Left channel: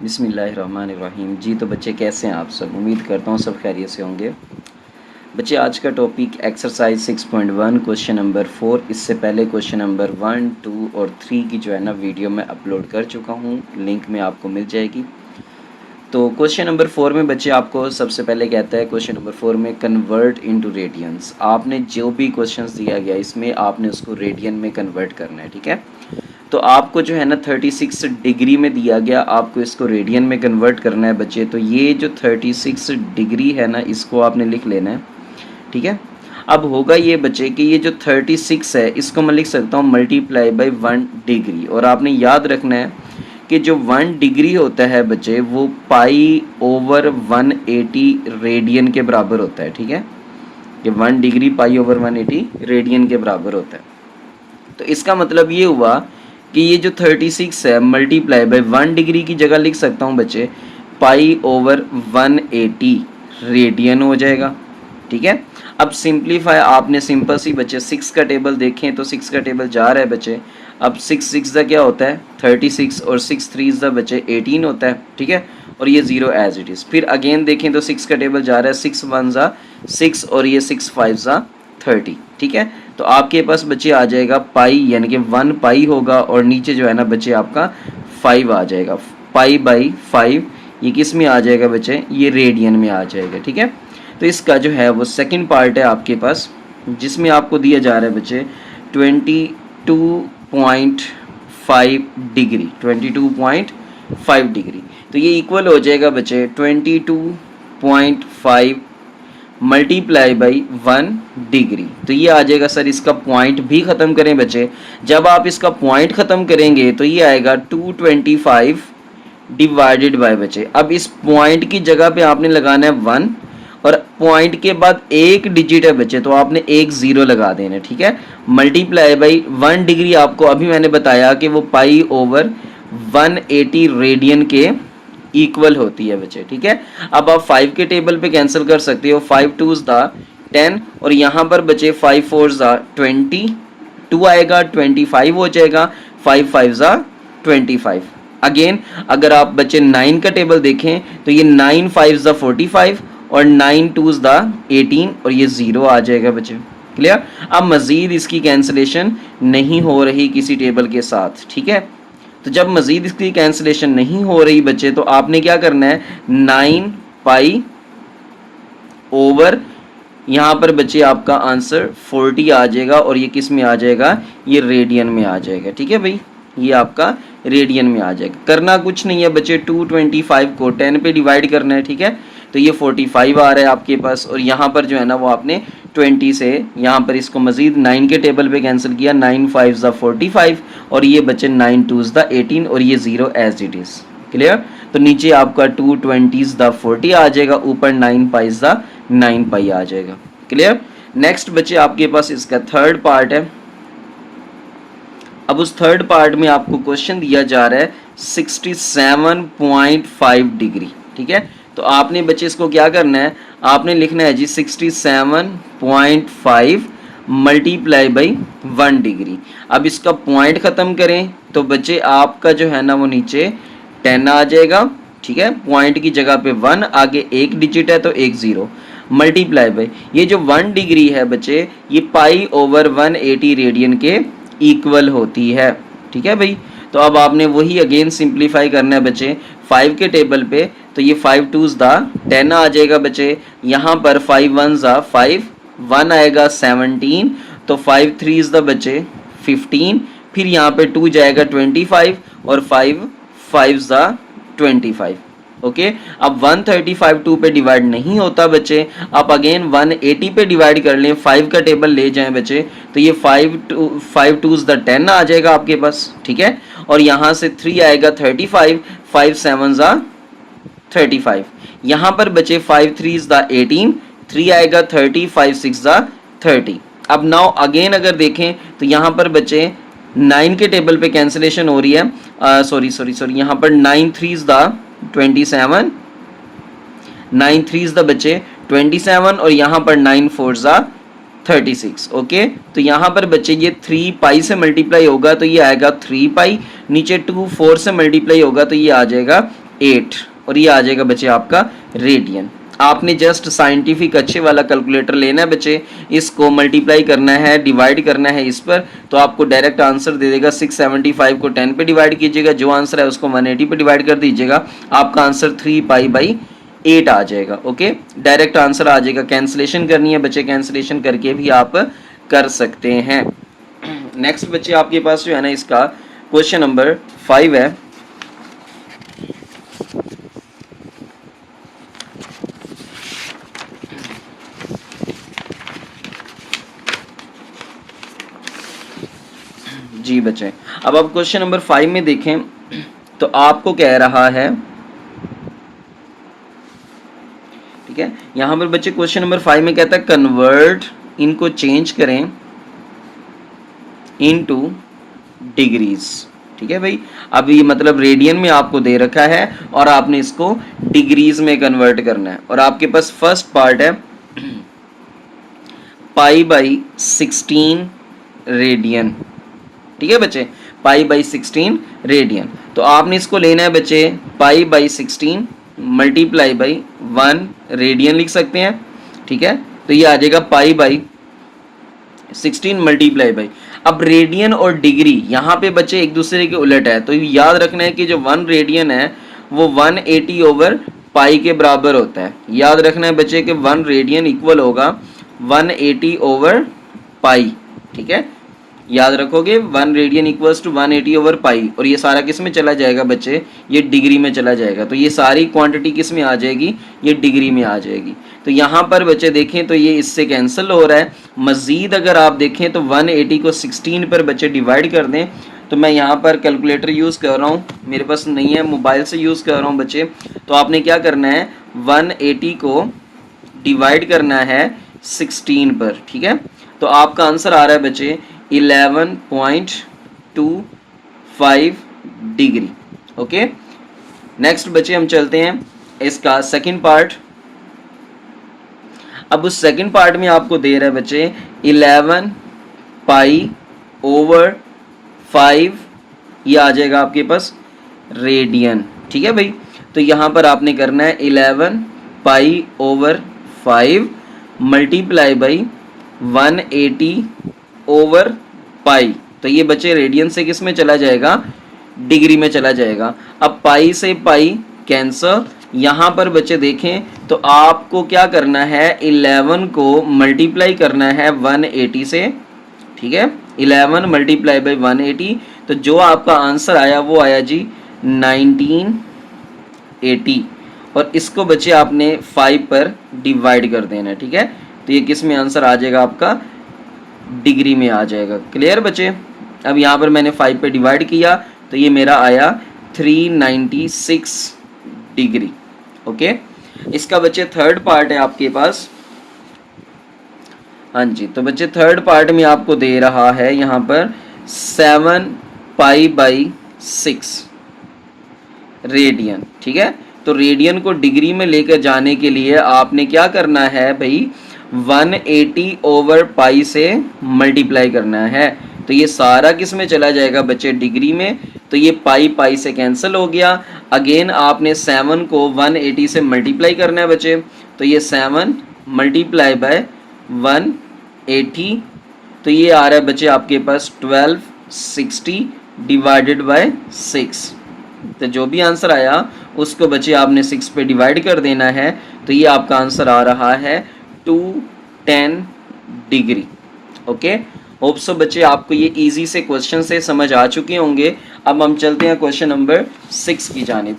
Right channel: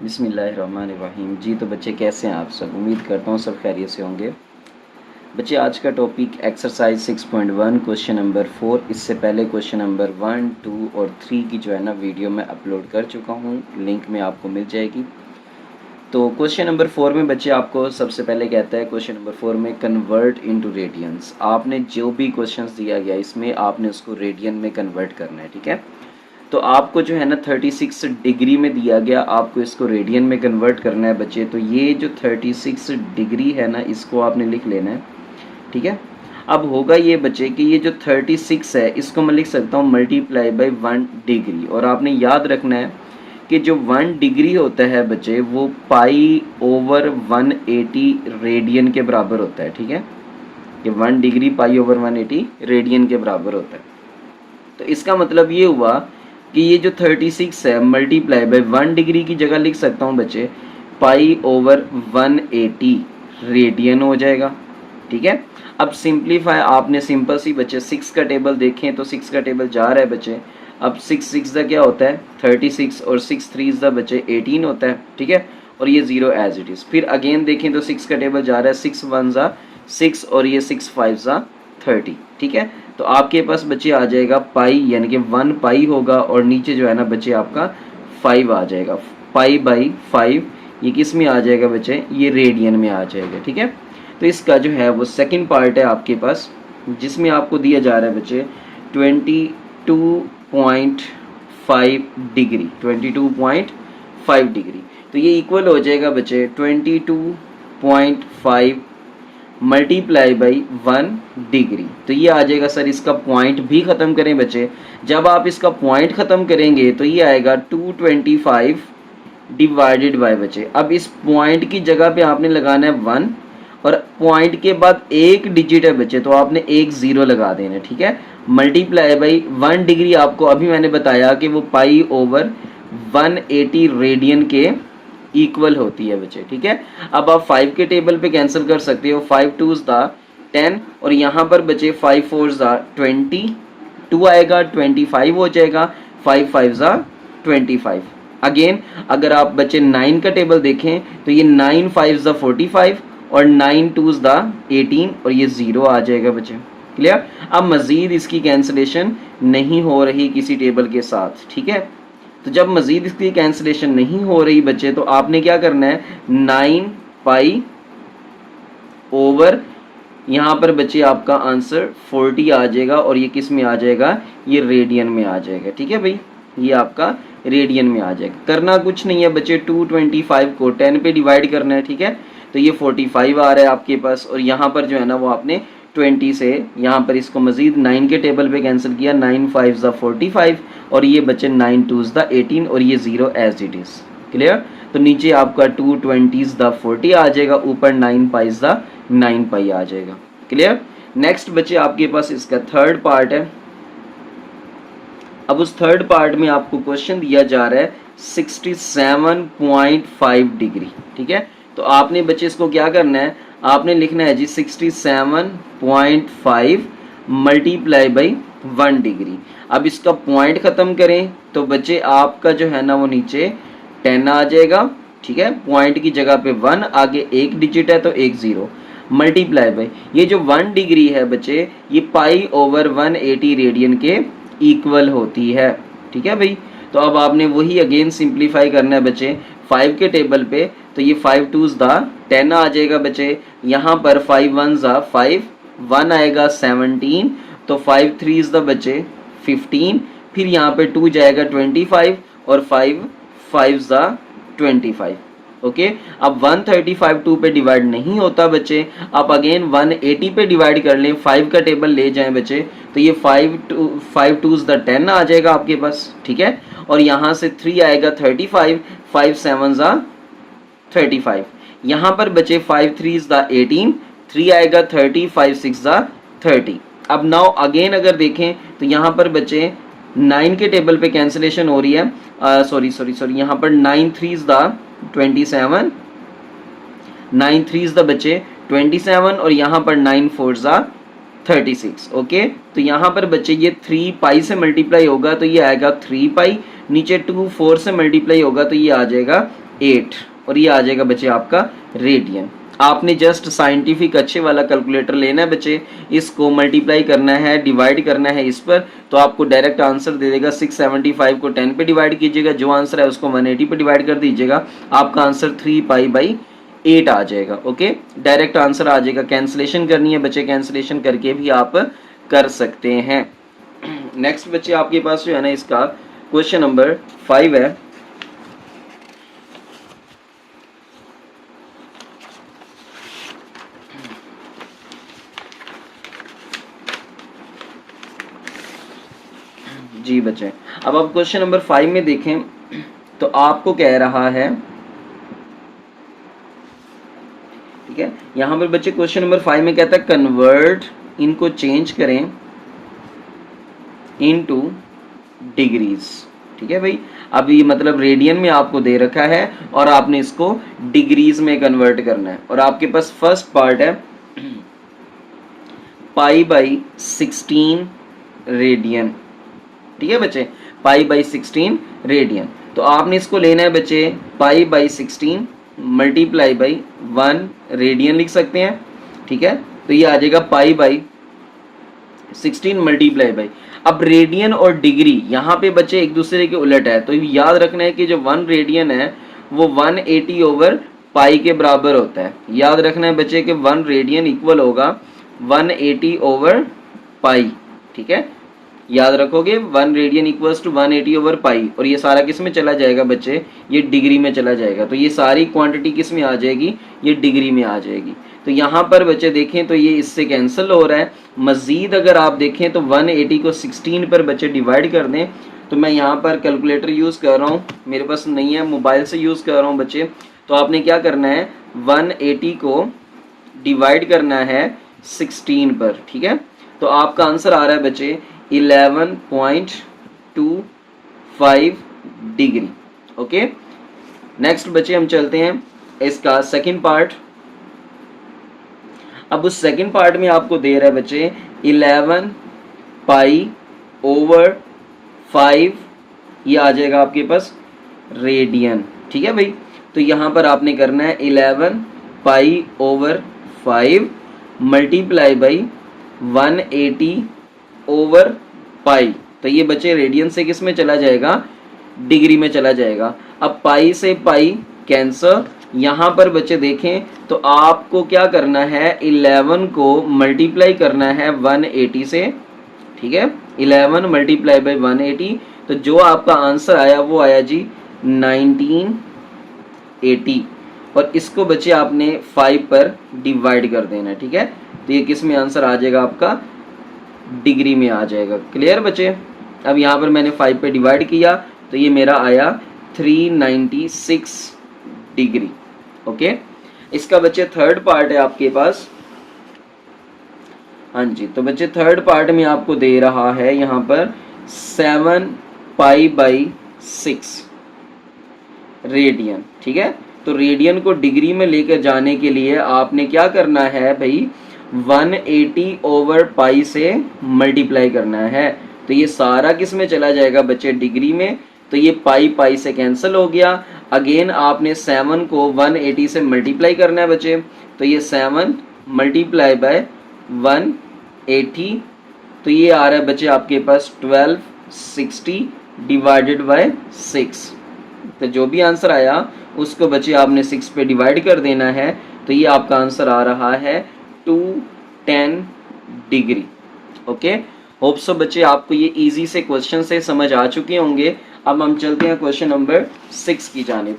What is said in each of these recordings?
बिस्मिल्लाहिर्रहमानिर्रहीम। जी तो बच्चे कैसे हैं आप सब? उम्मीद करता हूँ सब खैरियत से होंगे। बच्चे आज का टॉपिक एक्सरसाइज 6.1 क्वेश्चन नंबर 4। इससे पहले क्वेश्चन नंबर 1, 2 और 3 की जो है ना वीडियो मैं अपलोड कर चुका हूँ, लिंक में आपको मिल जाएगी। तो क्वेश्चन नंबर 4 में बच्चे आपको सबसे पहले कहता है क्वेश्चन नंबर 4 में कन्वर्ट इनटू रेडियंस। आपने जो भी क्वेश्चंस दिया गया इसमें आपने उसको रेडियन में कन्वर्ट करना है, ठीक है। तो आपको जो है ना 36 डिग्री में दिया गया, आपको इसको रेडियन में कन्वर्ट करना है बच्चे। तो ये जो 36 डिग्री है ना इसको आपने लिख लेना है, ठीक है। अब होगा ये बच्चे कि ये जो 36 है इसको मैं लिख सकता हूँ मल्टीप्लाई बाई 1 डिग्री। और आपने याद रखना है कि जो 1 डिग्री होता है बच्चे वो पाई ओवर 180 रेडियन के बराबर होता है, ठीक है। ये 1 डिग्री पाई ओवर 180 रेडियन के बराबर होता है। तो इसका मतलब ये हुआ कि ये जो 36 है मल्टीप्लाई बाई 1 डिग्री की जगह लिख सकता हूँ बच्चे पाई ओवर 180 रेडियन हो जाएगा, ठीक है। अब सिंप्लीफाई आपने सिंपल सी बच्चे 6 का टेबल देखें तो 6 का टेबल जा रहा है बच्चे। अब 6 का क्या होता है 36 और 6 3 ज़ा बच्चे 18 होता है, ठीक है। और ये 0 एज इट इज़। फिर अगेन देखें तो 6 का टेबल जा रहा है 6 1 ज़ा 6 और ये 6 5 ज़ा 30, ठीक है। तो आपके पास बच्चे आ जाएगा पाई यानी कि 1 पाई होगा और नीचे जो है ना बच्चे आपका 5 आ जाएगा। पाई बाई 5 ये किस में आ जाएगा बच्चे, ये रेडियन में आ जाएगा, ठीक है। तो इसका जो है वो सेकंड पार्ट है आपके पास जिसमें आपको दिया जा रहा है बच्चे 22.5 डिग्री, 22.5 डिग्री। तो ये इक्वल हो जाएगा बच्चे 22.5 मल्टीप्लाई बाई 1 डिग्री। तो ये आ जाएगा सर, इसका पॉइंट भी ख़त्म करें बच्चे। जब आप इसका पॉइंट ख़त्म करेंगे तो ये आएगा 225 डिवाइडेड बाय बच्चे। अब इस पॉइंट की जगह पे आपने लगाना है 1 और पॉइंट के बाद एक डिजिट है बच्चे तो आपने एक 0 लगा देना, ठीक है। मल्टीप्लाई बाई 1 डिग्री आपको अभी मैंने बताया कि वो पाई ओवर 180 रेडियन के इक्वल होती है बच्चे, ठीक है। अब आप 5 के टेबल पे कैंसिल कर सकते हो, 5 2s दा 10 और यहाँ पर बचे 5 4s दा 20, 2 आएगा 25 हो जाएगा, 5 5 ज़ा 25। अगेन अगर आप बच्चे 9 का टेबल देखें तो ये 9 5 ज़ा 45 और 9 2s दा 18 और ये 0 आ जाएगा बच्चे, क्लियर। अब मज़ीद इसकी कैंसिलेशन नहीं हो रही किसी टेबल के साथ, ठीक है। तो जब मज़ीद इसकी कैंसिलेशन नहीं हो रही बच्चे तो आपने क्या करना है 9 पाई ओवर यहाँ पर बच्चे आपका आंसर 40 आ जाएगा और ये किस में आ जाएगा, ये रेडियन में आ जाएगा, ठीक है भाई। ये आपका रेडियन में आ जाएगा। करना कुछ नहीं है बच्चे, 225 को 10 पे डिवाइड करना है, ठीक है। तो ये 45 आ रहा है आपके पास और यहाँ पर जो है ना वो आपने 20 से यहाँ पर इसको मज़ीद 9 के टेबल पे कैंसिल किया, 9 5 ज़ा 45 और ये बच्चे 9 2s दा 18 और ये 0 एज इट इज़, क्लियर। तो नीचे आपका 2 20s दा 40 आ जाएगा, ऊपर 9 पाइज दा 9 पाई आ जाएगा, क्लियर। नेक्स्ट बच्चे आपके पास इसका थर्ड पार्ट है। अब उस थर्ड पार्ट में आपको क्वेश्चन दिया जा रहा है 67.5 डिग्री, ठीक है। तो आपने बच्चे इसको क्या करना है, आपने लिखना है जी 67.5 मल्टीप्लाई बाई 1 डिग्री। अब इसका पॉइंट ख़त्म करें तो बच्चे आपका जो है ना वो नीचे 10 आ जाएगा, ठीक है। पॉइंट की जगह पे 1, आगे एक डिजिट है तो एक 0 मल्टीप्लाई बाई ये जो 1 डिग्री है बच्चे ये पाई ओवर 180 रेडियन के इक्वल होती है, ठीक है भाई। तो अब आपने वही अगेन सिंप्लीफाई करना है बच्चे 5 के टेबल पे। तो ये 5 2s दा 10 आ जाएगा बच्चे, यहाँ पर 5 1 ज़ा 5, 1 आएगा 17, तो 5 3s दा बच्चे 15, फिर यहाँ पे 2 जाएगा 25 और 5 5 ज़ा 25, ओके। अब 135 2 पे डिवाइड नहीं होता बच्चे, आप अगेन 180 पे डिवाइड कर लें, 5 का टेबल ले जाएं बच्चे। तो ये 5 2s द 10 आ जाएगा आपके पास, ठीक है। और यहाँ से 3 आएगा 35, 5 7 ज़ा 35, यहाँ पर बचे 5 3s द 18, 3 आएगा 30, 5 6 ज़ा 30। अब नाउ अगेन अगर देखें तो यहाँ पर बचे 9 के टेबल पे कैंसिलेशन हो रही है, सॉरी यहाँ पर 9 3s दा 27, 9 3s द बच्चे 27 और यहाँ पर 9 4s ज़ा 36, ओके। तो यहाँ पर बच्चे ये 3 पाई से मल्टीप्लाई होगा तो ये आएगा 3 पाई, नीचे 2 4 से मल्टीप्लाई होगा तो ये आ जाएगा 8 और ये आ जाएगा बच्चे आपका रेडियन। आपने जस्ट साइंटिफिक अच्छे वाला कैलकुलेटर लेना है बच्चे, इसको मल्टीप्लाई करना है, डिवाइड करना है इस पर, तो आपको डायरेक्ट आंसर दे देगा। 675 को 10 पे डिवाइड कीजिएगा, जो आंसर है उसको 180 पे डिवाइड कर दीजिएगा, आपका आंसर 3π/8 आ जाएगा। ओके, डायरेक्ट आंसर आ जाएगा। कैंसिलेशन करनी है बच्चे, कैंसिलेशन करके भी आप कर सकते हैं। नेक्स्ट बच्चे आपके पास जो है ना इसका क्वेश्चन नंबर 5 है। जी बच्चे, अब आप क्वेश्चन नंबर 5 में देखें तो आपको कह रहा है, ठीक है, यहां पर बच्चे क्वेश्चन नंबर 5 में कहता है कन्वर्ट, इनको चेंज करें इनटू डिग्रीज। ठीक है भाई, अब ये मतलब रेडियन में आपको दे रखा है और आपने इसको डिग्रीज में कन्वर्ट करना है। और आपके पास फर्स्ट पार्ट है π/16 रेडियन। ठीक है बच्चे, π/16 रेडियन। तो आपने इसको लेना है बच्चे π/16 मल्टीप्लाई बाई 1 रेडियन लिख सकते हैं। ठीक है, तो ये आ जाएगा π/16 मल्टीप्लाई बाई, अब रेडियन और डिग्री यहाँ पे बच्चे एक दूसरे के उलट है, तो याद रखना है कि जो 1 रेडियन है वो 180 ओवर पाई के बराबर होता है। याद रखना है बच्चे कि 1 रेडियन इक्वल होगा 180 ओवर पाई। ठीक है, याद रखोगे 1 radian equals to 180 over pi, और ये सारा किस में चला जाएगा बच्चे, ये डिग्री में चला जाएगा। तो ये सारी क्वांटिटी किस में आ जाएगी, ये डिग्री में आ जाएगी। तो यहाँ पर बच्चे देखें तो ये इससे कैंसिल हो रहा है। मज़ीद अगर आप देखें तो 180 को 16 पर बच्चे डिवाइड कर दें, तो मैं यहाँ पर कैलकुलेटर यूज़ कर रहा हूँ, मेरे पास नहीं है, मोबाइल से यूज़ कर रहा हूँ बच्चे। तो आपने क्या करना है, 180 को डिवाइड करना है 16 पर। ठीक है, तो आपका आंसर आ रहा है बच्चे 11.25 डिग्री। ओके, नेक्स्ट बच्चे हम चलते हैं इसका सेकंड पार्ट। अब उस सेकंड पार्ट में आपको दे रहा है बच्चे 11π/5, ये आ जाएगा आपके पास रेडियन। ठीक है भाई, तो यहाँ पर आपने करना है 11π/5 मल्टीप्लाई बाई 180 ओवर पाई। तो ये बच्चे रेडियन से किस में चला जाएगा, डिग्री में चला जाएगा। अब पाई से पाई कैंसर, यहाँ पर बच्चे देखें तो आपको क्या करना है, 11 को मल्टीप्लाई करना है 180 से। ठीक है, 11 मल्टीप्लाई बाई 180, तो जो आपका आंसर आया वो आया जी 1980, और इसको बच्चे आपने 5 पर डिवाइड कर देना है। ठीक है, तो ये किस में आंसर आ जाएगा आपका, डिग्री में आ जाएगा। क्लियर बच्चे, अब यहाँ पर मैंने 5 पे डिवाइड किया तो ये मेरा आया 396 डिग्री। ओके, इसका बच्चे थर्ड पार्ट है आपके पास। हाँ जी, तो बच्चे थर्ड पार्ट में आपको दे रहा है यहाँ पर 7π/6 रेडियन। ठीक है, तो रेडियन को डिग्री में लेकर जाने के लिए आपने क्या करना है भाई, 180 ओवर पाई से मल्टीप्लाई करना है। तो ये सारा किस में चला जाएगा बच्चे, डिग्री में। तो ये पाई पाई से कैंसिल हो गया। अगेन आपने 7 को 180 से मल्टीप्लाई करना है बच्चे, तो ये 7 मल्टीप्लाई बाय 180, तो ये आ रहा है बच्चे आपके पास 1260 डिवाइडेड बाय 6। तो जो भी आंसर आया उसको बच्चे आपने 6 पे डिवाइड कर देना है, तो ये आपका आंसर आ रहा है 210 डिग्री। ओके, होप सो बच्चे आपको ये इजी से क्वेश्चन से समझ आ चुके होंगे। अब हम चलते हैं क्वेश्चन नंबर 6 की जानिब।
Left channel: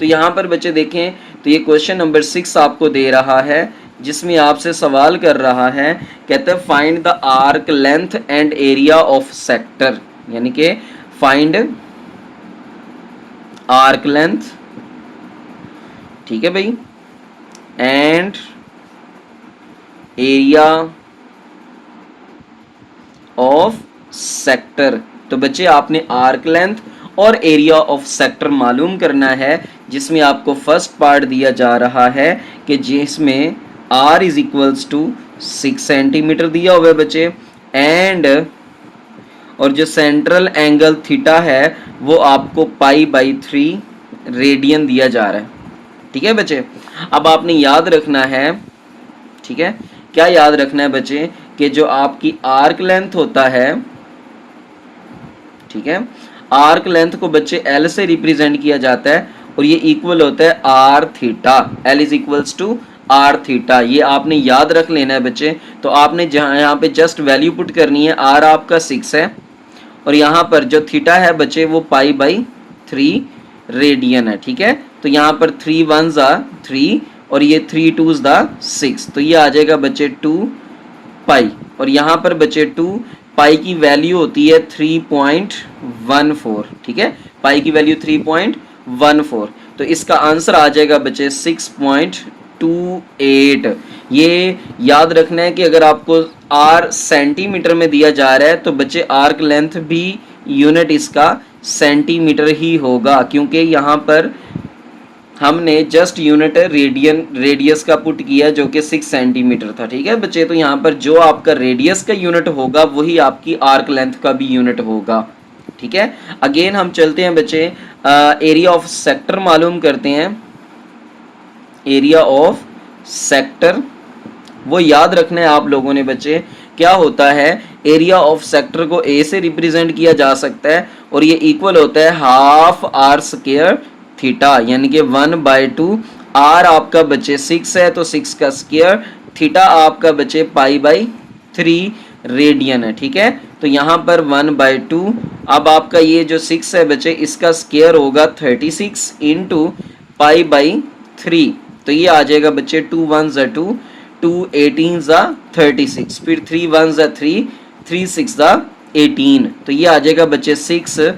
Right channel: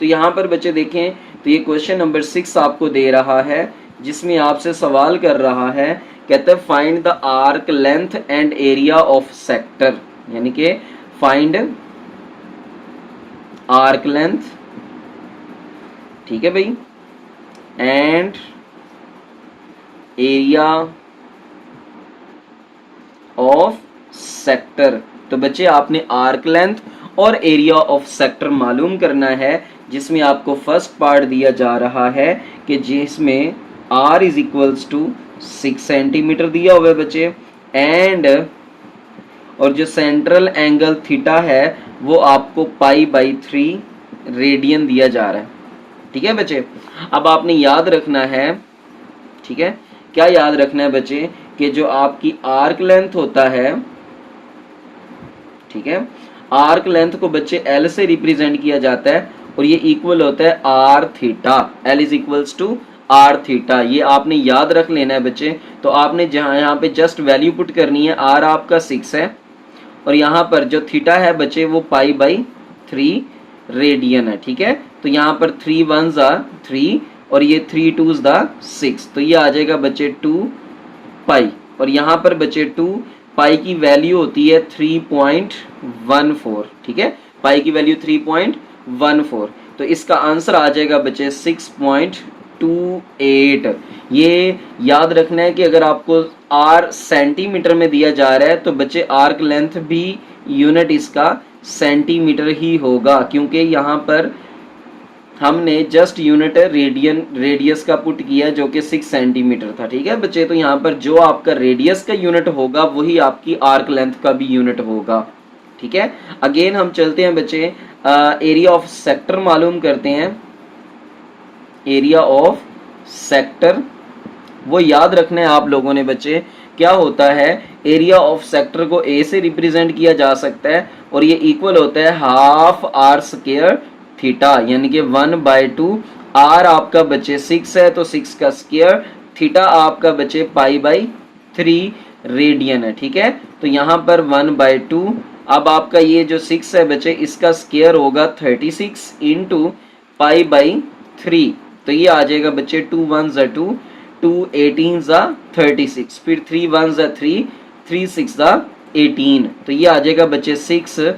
तो यहाँ पर बच्चे देखें तो ये क्वेश्चन नंबर 6 आपको दे रहा है, जिसमें आपसे सवाल कर रहा है, कहते हैं find the arc length and area of sector, यानी कि फाइंड आर्क लेंथ, ठीक है भाई, एंड एरिया ऑफ सेक्टर। तो बच्चे आपने आर्क लेंथ और एरिया ऑफ सेक्टर मालूम करना है, जिसमें आपको फर्स्ट पार्ट दिया जा रहा है कि जिसमें r is equals to 6 centimetre दिया हुआ है बच्चे, एंड और जो सेंट्रल एंगल थीटा है वो आपको पाई बाई 3 रेडियन दिया जा रहा है। ठीक है बच्चे, अब आपने याद रखना है, ठीक है, क्या याद रखना है बच्चे, कि जो आपकी आर्क लेंथ होता है, ठीक है, आर्क लेंथ को बच्चे एल से रिप्रेजेंट किया जाता है और ये इक्वल होता है r theta. L is equals to are theta, ये आपने याद रख लेना है बच्चे। तो आपने जहाँ यहाँ पे जस्ट वैल्यू पुट करनी है, आर आपका 6 है और यहाँ पर जो थीटा है बच्चे वो पाई बाई 3 रेडियन है। ठीक है, तो यहाँ पर 3 1 ज़ा 3 और ये 3 2 ज़ा 6, तो ये आ जाएगा बच्चे 2 पाई, और यहाँ पर बचे 2 पाई की वैल्यू होती है 3.14। ठीक है, पाई की वैल्यू 3.14, तो इसका आंसर आ जाएगा बच्चे 6.28। ये याद रखना है कि अगर आपको आर सेंटीमीटर में दिया जा रहा है तो बच्चे आर्क लेंथ भी यूनिट इसका सेंटीमीटर ही होगा, क्योंकि यहाँ पर हमने जस्ट यूनिट रेडियस का पुट किया जो कि 6 सेंटीमीटर था। ठीक है बच्चे, तो यहाँ पर जो आपका रेडियस का यूनिट होगा वही आपकी आर्क लेंथ का भी यूनिट होगा। ठीक है, अगेन हम चलते हैं बच्चे, एरिया ऑफ सेक्टर मालूम करते हैं। एरिया ऑफ सेक्टर वो याद रखना है आप लोगों ने बच्चे, क्या होता है, एरिया ऑफ सेक्टर को ए से रिप्रेजेंट किया जा सकता है और ये इक्वल होता है हाफ आर स्क्वायर थीटा, यानी कि 1/2। आर आपका बच्चे 6 है तो 6 का स्क्वायर, थीटा आपका बच्चे पाई बाई 3 रेडियन है। ठीक है, तो यहाँ पर 1/2, अब आपका ये जो 6 है बच्चे इसका स्क्वायर होगा 36 इंटू पाई बाई 3, तो ये आ जाएगा बच्चे 2 1 ज़ा 2, 2 18 ज़ा 36, फिर 3 1 ज़ा 3, 3 6 ज़ा 18, तो ये आ जाएगा बच्चे 6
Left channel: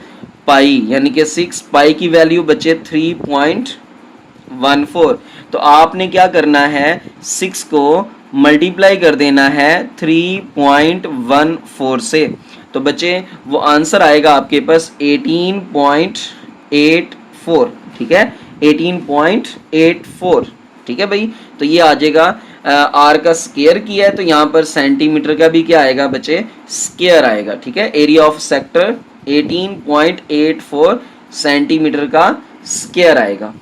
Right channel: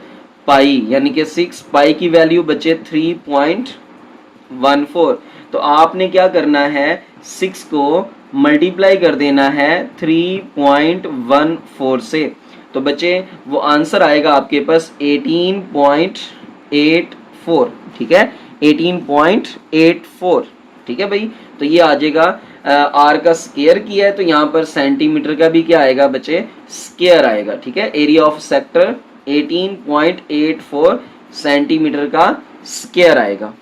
पाई, यानी कि 6 पाई की वैल्यू बच्चे 3.14। तो आपने क्या करना है, 6 को मल्टीप्लाई कर देना है 3.14 से, तो बच्चे वो आंसर आएगा आपके पास 18.84। ठीक है, 18.84। ठीक है भाई, तो ये आ जाएगा, आर का स्क्वायर किया है तो यहाँ पर सेंटीमीटर का भी क्या आएगा बच्चे, स्क्वायर आएगा। ठीक है, एरिया ऑफ सेक्टर 18.84 सेंटीमीटर का स्क्वायर आएगा।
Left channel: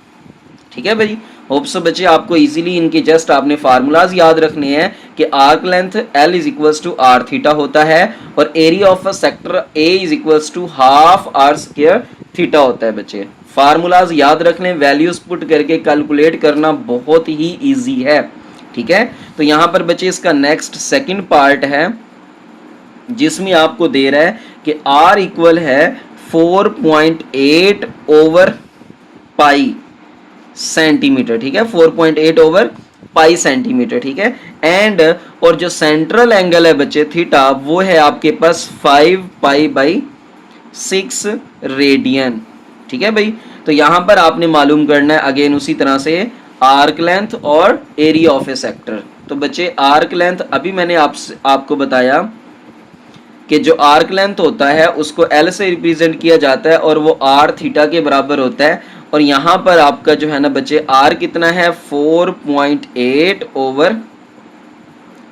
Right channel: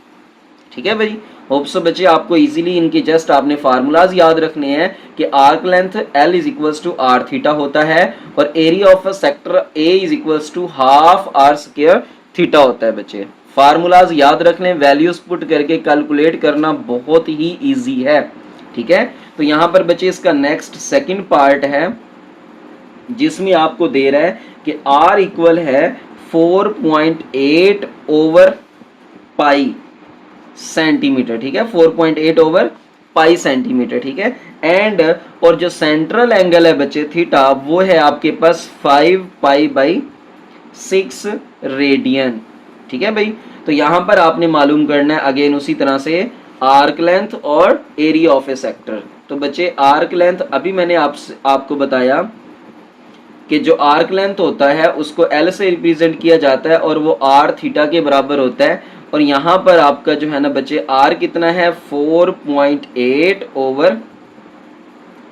ठीक है भाई, होप सो बच्चे आपको इजीली इनके जस्ट आपने फार्मूलाज याद रखने हैं कि arc length L is equals to are theta होता है और area of a sector A is equals to half are square theta होता है। बच्चे फार्मूलाज याद रख लें, वैल्यूज पुट करके कैलकुलेट करना बहुत ही इजी है। ठीक है, तो यहाँ पर बच्चे इसका नेक्स्ट सेकंड पार्ट है जिसमें आपको दे रहा है कि R इक्वल है 4.8 ओवर पाई सेंटीमीटर। ठीक है, 4.8 ओवर पाई सेंटीमीटर। ठीक है, एंड और जो सेंट्रल एंगल है बच्चे थीटा वो है आपके पास 5 पाई बाई 6 रेडियन। ठीक है भाई, तो यहां पर आपने मालूम करना है अगेन उसी तरह से आर्क लेंथ और एरिया ऑफ ए सेक्टर। तो बच्चे आर्क लेंथ अभी मैंने आपको बताया कि जो आर्क लेंथ होता है उसको L से रिप्रेजेंट किया जाता है और वो R थीटा के बराबर होता है, और यहाँ पर आपका जो है ना बच्चे R कितना है 4.8 ओवर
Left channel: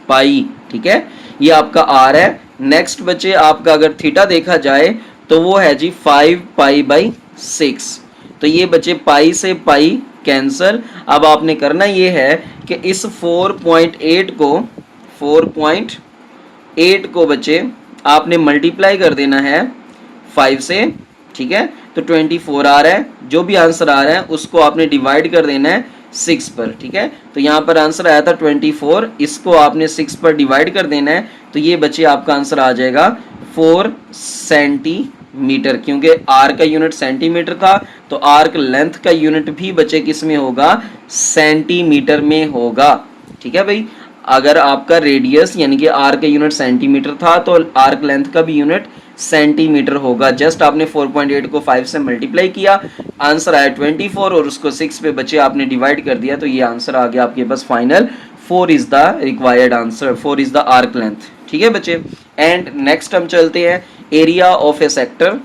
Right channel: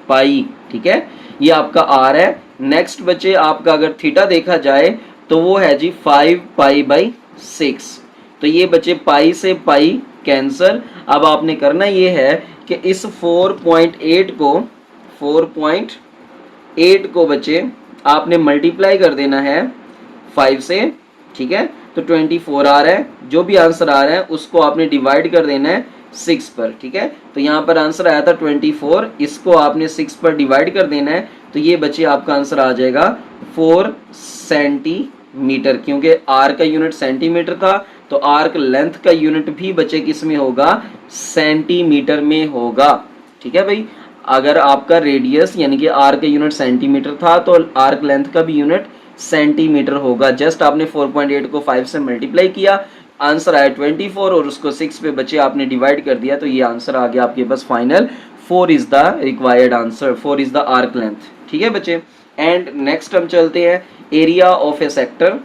पाई। ठीक है, ये आपका R है। नेक्स्ट बच्चे आपका अगर थीटा देखा जाए तो वो है जी 5 पाई बाई 6, तो ये बच्चे पाई से पाई कैंसल। अब आपने करना ये है कि इस 4.8 को बच्चे आपने मल्टीप्लाई कर देना है 5 से। ठीक है, तो 24 आ रहा है, जो भी आंसर आ रहा है उसको आपने डिवाइड कर देना है 6 पर। ठीक है, तो यहाँ पर आंसर आया था 24, इसको आपने 6 पर डिवाइड कर देना है, तो ये बच्चे आपका आंसर आ जाएगा 4 सेंटीमीटर, क्योंकि आर का यूनिट सेंटीमीटर था तो आर्क लेंथ का यूनिट भी बच्चे किस में होगा, सेंटीमीटर में होगा। ठीक है भाई, अगर आपका रेडियस यानी कि आर का यूनिट सेंटीमीटर था तो आर्क लेंथ का भी यूनिट सेंटीमीटर होगा। जस्ट आपने 4.8 को 5 से मल्टीप्लाई किया, आंसर आया 24 और उसको 6 पे बच्चे आपने डिवाइड कर दिया, तो ये आंसर आ गया आपके पास final 4 is the required answer, 4 is the arc length. ठीक है बच्चे, एंड नेक्स्ट हम चलते हैं area of a sector.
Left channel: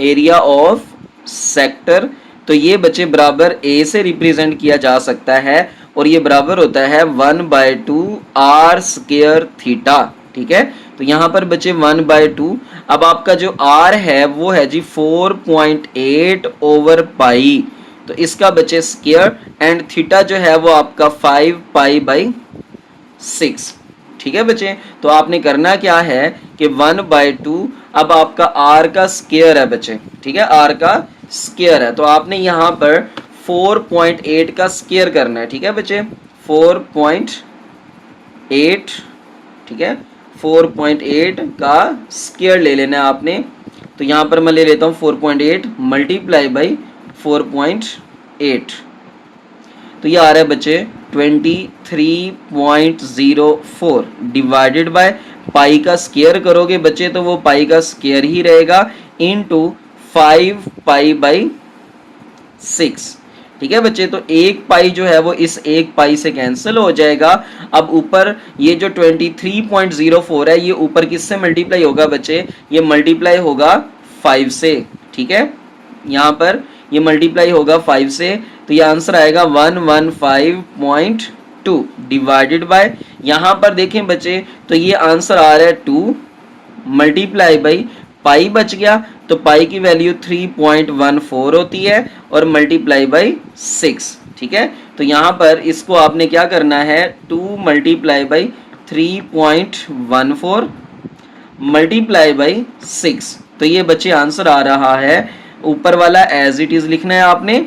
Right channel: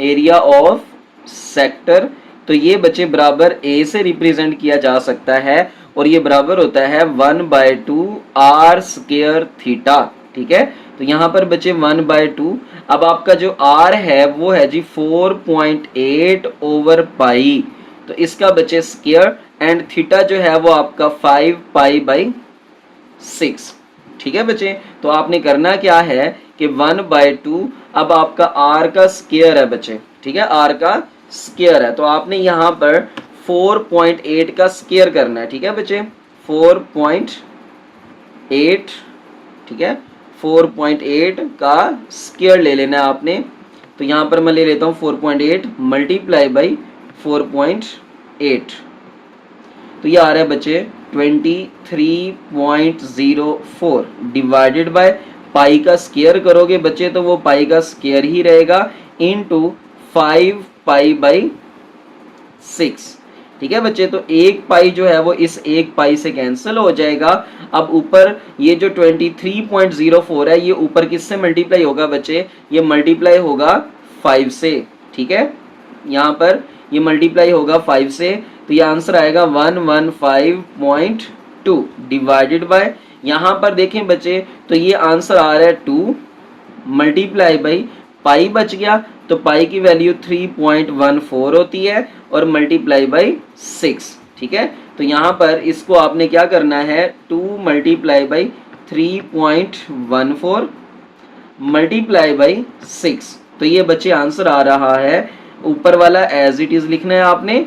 Area of sector, तो ये बच्चे बराबर ए से रिप्रेजेंट किया जा सकता है और ये बराबर होता है 1/2 आर स्क्वायर थीटा। ठीक है, तो यहाँ पर बचे 1/2। अब आपका जो r है वो है जी 4.8 ओवर पाई, तो इसका बचे स्क्वायर, एंड थीटा जो है वो आपका 5π/6। ठीक है बच्चे, तो आपने करना क्या है कि 1/2, अब आपका r का स्क्वायर है बच्चे, ठीक है, r का स्क्वायर है, तो आपने यहाँ पर 4.8 का स्क्वायर करना है। ठीक है बच्चे, 4.8, ठीक है, 4.8 का स्क्वायर ले लेना है आपने। तो यहाँ पर मैं ले लेता हूँ 4.8 मल्टीप्लाई बाई 4.8, तो ये आ रहा है बच्चे 23.04 डिवाइडेड बाय पाई का स्क्वायर करोगे बच्चे तो वो पाई का स्क्वायर ही रहेगा इनटू 5π/6। ठीक है बच्चे, तो एक पाई जो है वो इस एक पाई से कैंसिल हो जाएगा। अब ऊपर ये जो 23.04 है ये ऊपर किससे मल्टीप्लाई होगा बच्चे, ये मल्टीप्लाई होगा 5 से। ठीक है, यहाँ पर ये मल्टीप्लाई होगा 5 से, तो ये आंसर आएगा 115.2 डिवाइडेड बाय, यहाँ पर देखें बच्चे तो ये आंसर आ रहा है 2 मल्टीप्लाई बाई पाई बच गया, तो पाई की वैल्यू 3.14 होती है और मल्टीप्लाई बाई 6। ठीक है, तो यहाँ पर इसको आपने क्या करना है 2 मल्टीप्लाई बाई 3.14 मल्टीप्लाई बाई 6, तो ये बच्चे आंसर आ रहा है, ऊपर वाला एज इट इज लिखना है आपने।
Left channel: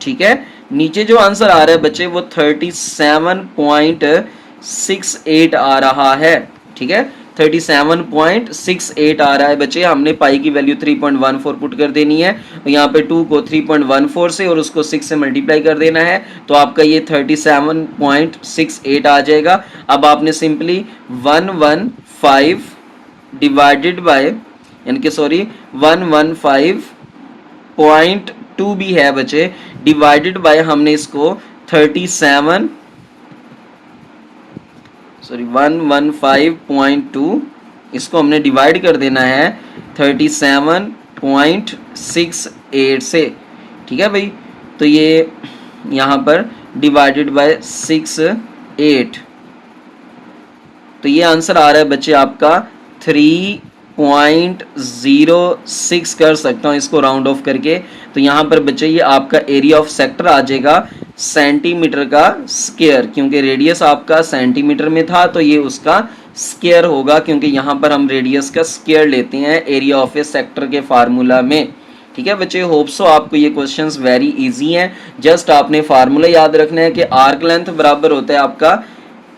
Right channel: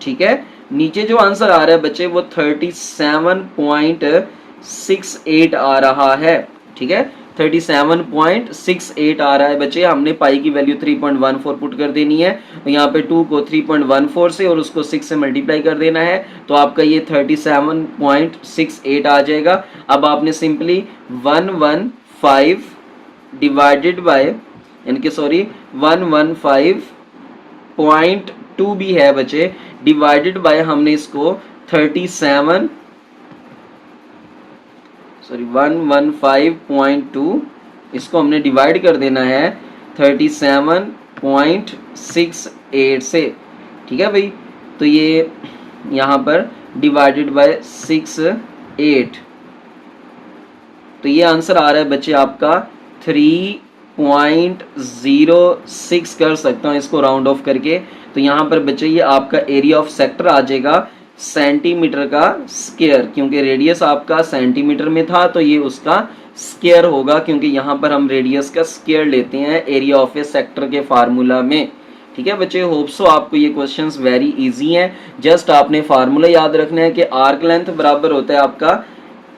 ठीक है, नीचे जो आंसर आ रहा है बच्चे वो 37.68 आ रहा है। ठीक है, 37.68 आ रहा है बच्चे, हमने पाई की वैल्यू 3.14 पुट कर देनी है, तो यहाँ पे 2 को 3.14 से और उसको 6 से मल्टीप्लाई कर देना है, तो आपका ये 37.68 आ जाएगा। अब आपने सिंपली 115 डिवाइडेड बाय, यानी कि सॉरी 115.2 भी है बच्चे, डिवाइडेड बाय हमने इसको 115.2 इसको हमने डिवाइड कर देना है 37.68 से। ठीक है भाई, तो ये यहाँ पर डिवाइडेड बाय 68, तो ये आंसर आ रहा है बच्चे आपका 3.06 कर सकता हूँ इसको राउंड ऑफ करके। तो यहाँ पर बच्चे ये आपका एरिया ऑफ सेक्टर आ जाएगा सेंटीमीटर का स्क्वायर, क्योंकि रेडियस आपका सेंटीमीटर में था तो ये उसका स्क्वायर होगा, क्योंकि यहाँ पर हम रेडियस का स्क्वायर लेते हैं एरिया ऑफ ए सेक्टर के फार्मूला में। ठीक है बच्चे, होप सो आपको ये क्वेश्चंस वेरी इजी हैं। जस्ट आपने फार्मूला याद रखना है कि आर्क लेंथ बराबर होता है आपका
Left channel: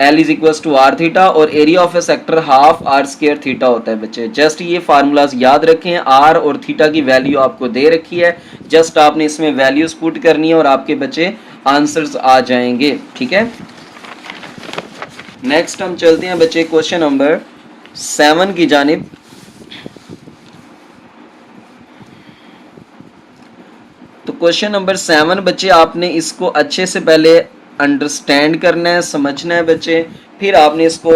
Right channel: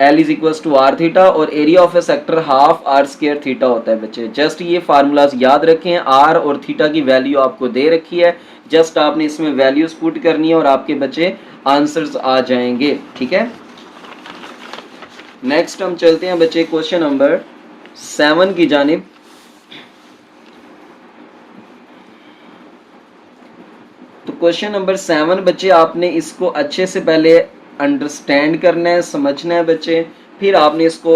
L is equals to are theta और area of a sector half are square theta होता है बच्चे। जस्ट ये फार्मूलाज याद रखें, आर और थीटा की वैल्यू आपको दे रखी है, जस्ट आपने इसमें वैल्यूज पुट करनी है और आपके बच्चे आंसर्स आ जाएंगे। ठीक है, नेक्स्ट हम चलते हैं बच्चे क्वेश्चन नंबर 7 की जानिब। तो क्वेश्चन नंबर 7 बच्चे आपने इसको अच्छे से पहले अंडरस्टैंड करना है, समझना है बच्चे, फिर आपने इसको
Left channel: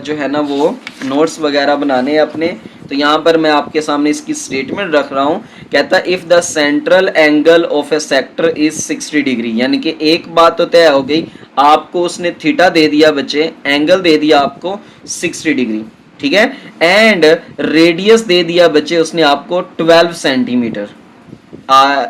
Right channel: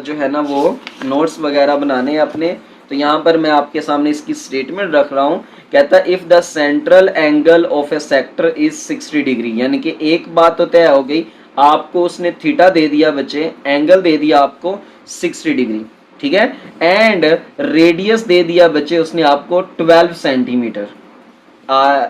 जो है ना वो नोट्स वगैरह बनाने हैं अपने। तो यहाँ पर मैं आपके सामने इसकी स्टेटमेंट रख रहा हूँ, कहता है if the central angle of a sector is 60 degree, यानी कि एक बात तो तय हो गई, आपको उसने थीटा दे दिया बच्चे, एंगल दे दिया आपको 60 डिग्री। ठीक है, एंड रेडियस दे दिया बच्चे उसने आपको 12 सेंटीमीटर।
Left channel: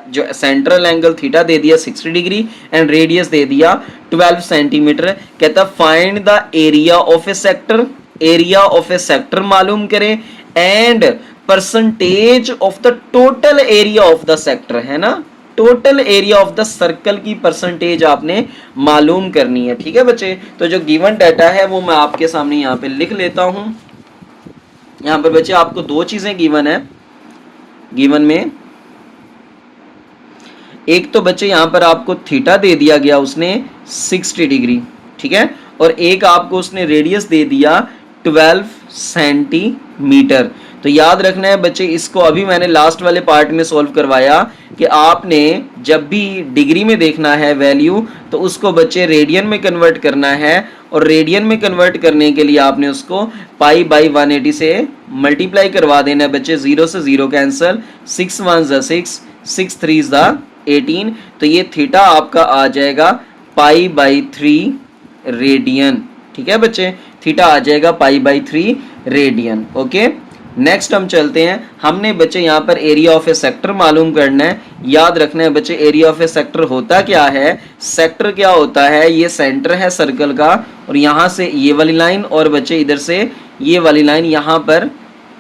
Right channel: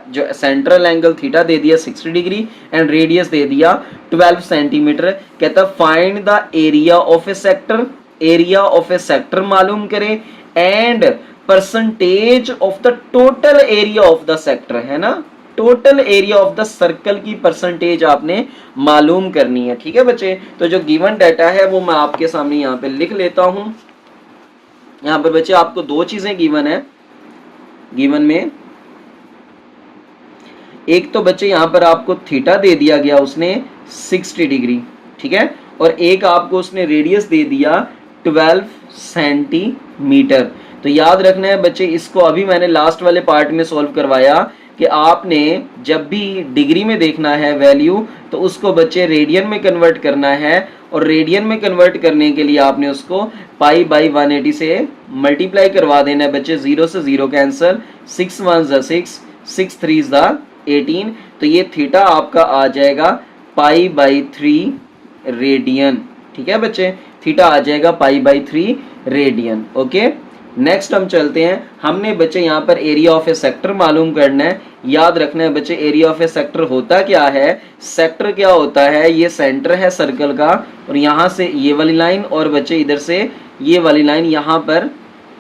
जो सेंट्रल एंगल थीटा दे दिया 60 डिग्री एंड रेडियस दे दिया 12 सेंटीमीटर। कहता है find the area of a sector, area of a sector मालूम करें and percentage of the total area of the sector, है ना, total area of the circle की percentage आपने मालूम करनी है। ठीक है बच्चे, तो जो गिवन डाटा है वो मैं आपके सामने यहाँ पे लिख लेता हूं। यहाँ पर बच्चे आपको दो चीजें गिवन है, गिवन में एक तो बच्चे यहाँ पर आपको थीटा दे दिया गया उसने 60 डिग्री, ठीक है, और एक आपको उसने रेडियस दे दिया 12 सेंटीमीटर। तो याद रखना है बच्चे, इसको अभी मैंने लास्ट वाले पार्ट में सॉल्व करवाया कि आपने जब भी डिग्री में देखना है वैल्यू तो उसको बच्चे रेडियन में कन्वर्ट करना है, और रेडियन में कन्वर्ट करने के लिए आपने उसको पाई बाई 180 से मल्टीप्लाई करवा देना है बच्चे। 0 से 0 कैंसिल, 6 1 6, 6 3 18, तो ये थीटा आपका आ जाएगा π/3 रेडियन। ठीक है बच्चे, थीटा आ जाएगा π/3 रेडियन। ओके, नेक्स्ट हम चलते हैं। हमने बच्चे यहाँ पर एरिया ऑफ ए सेक्टर मालूम करना है। याद रखना है बच्चे, एरिया ऑफ ए सेक्टर होता क्या है? सेक्टर क्या होता है? ये सेंटर है सर्कल का, और यहाँ से ये वाली लाइन, और बच्चे इधर से ये वाली लाइन, यहाँ पर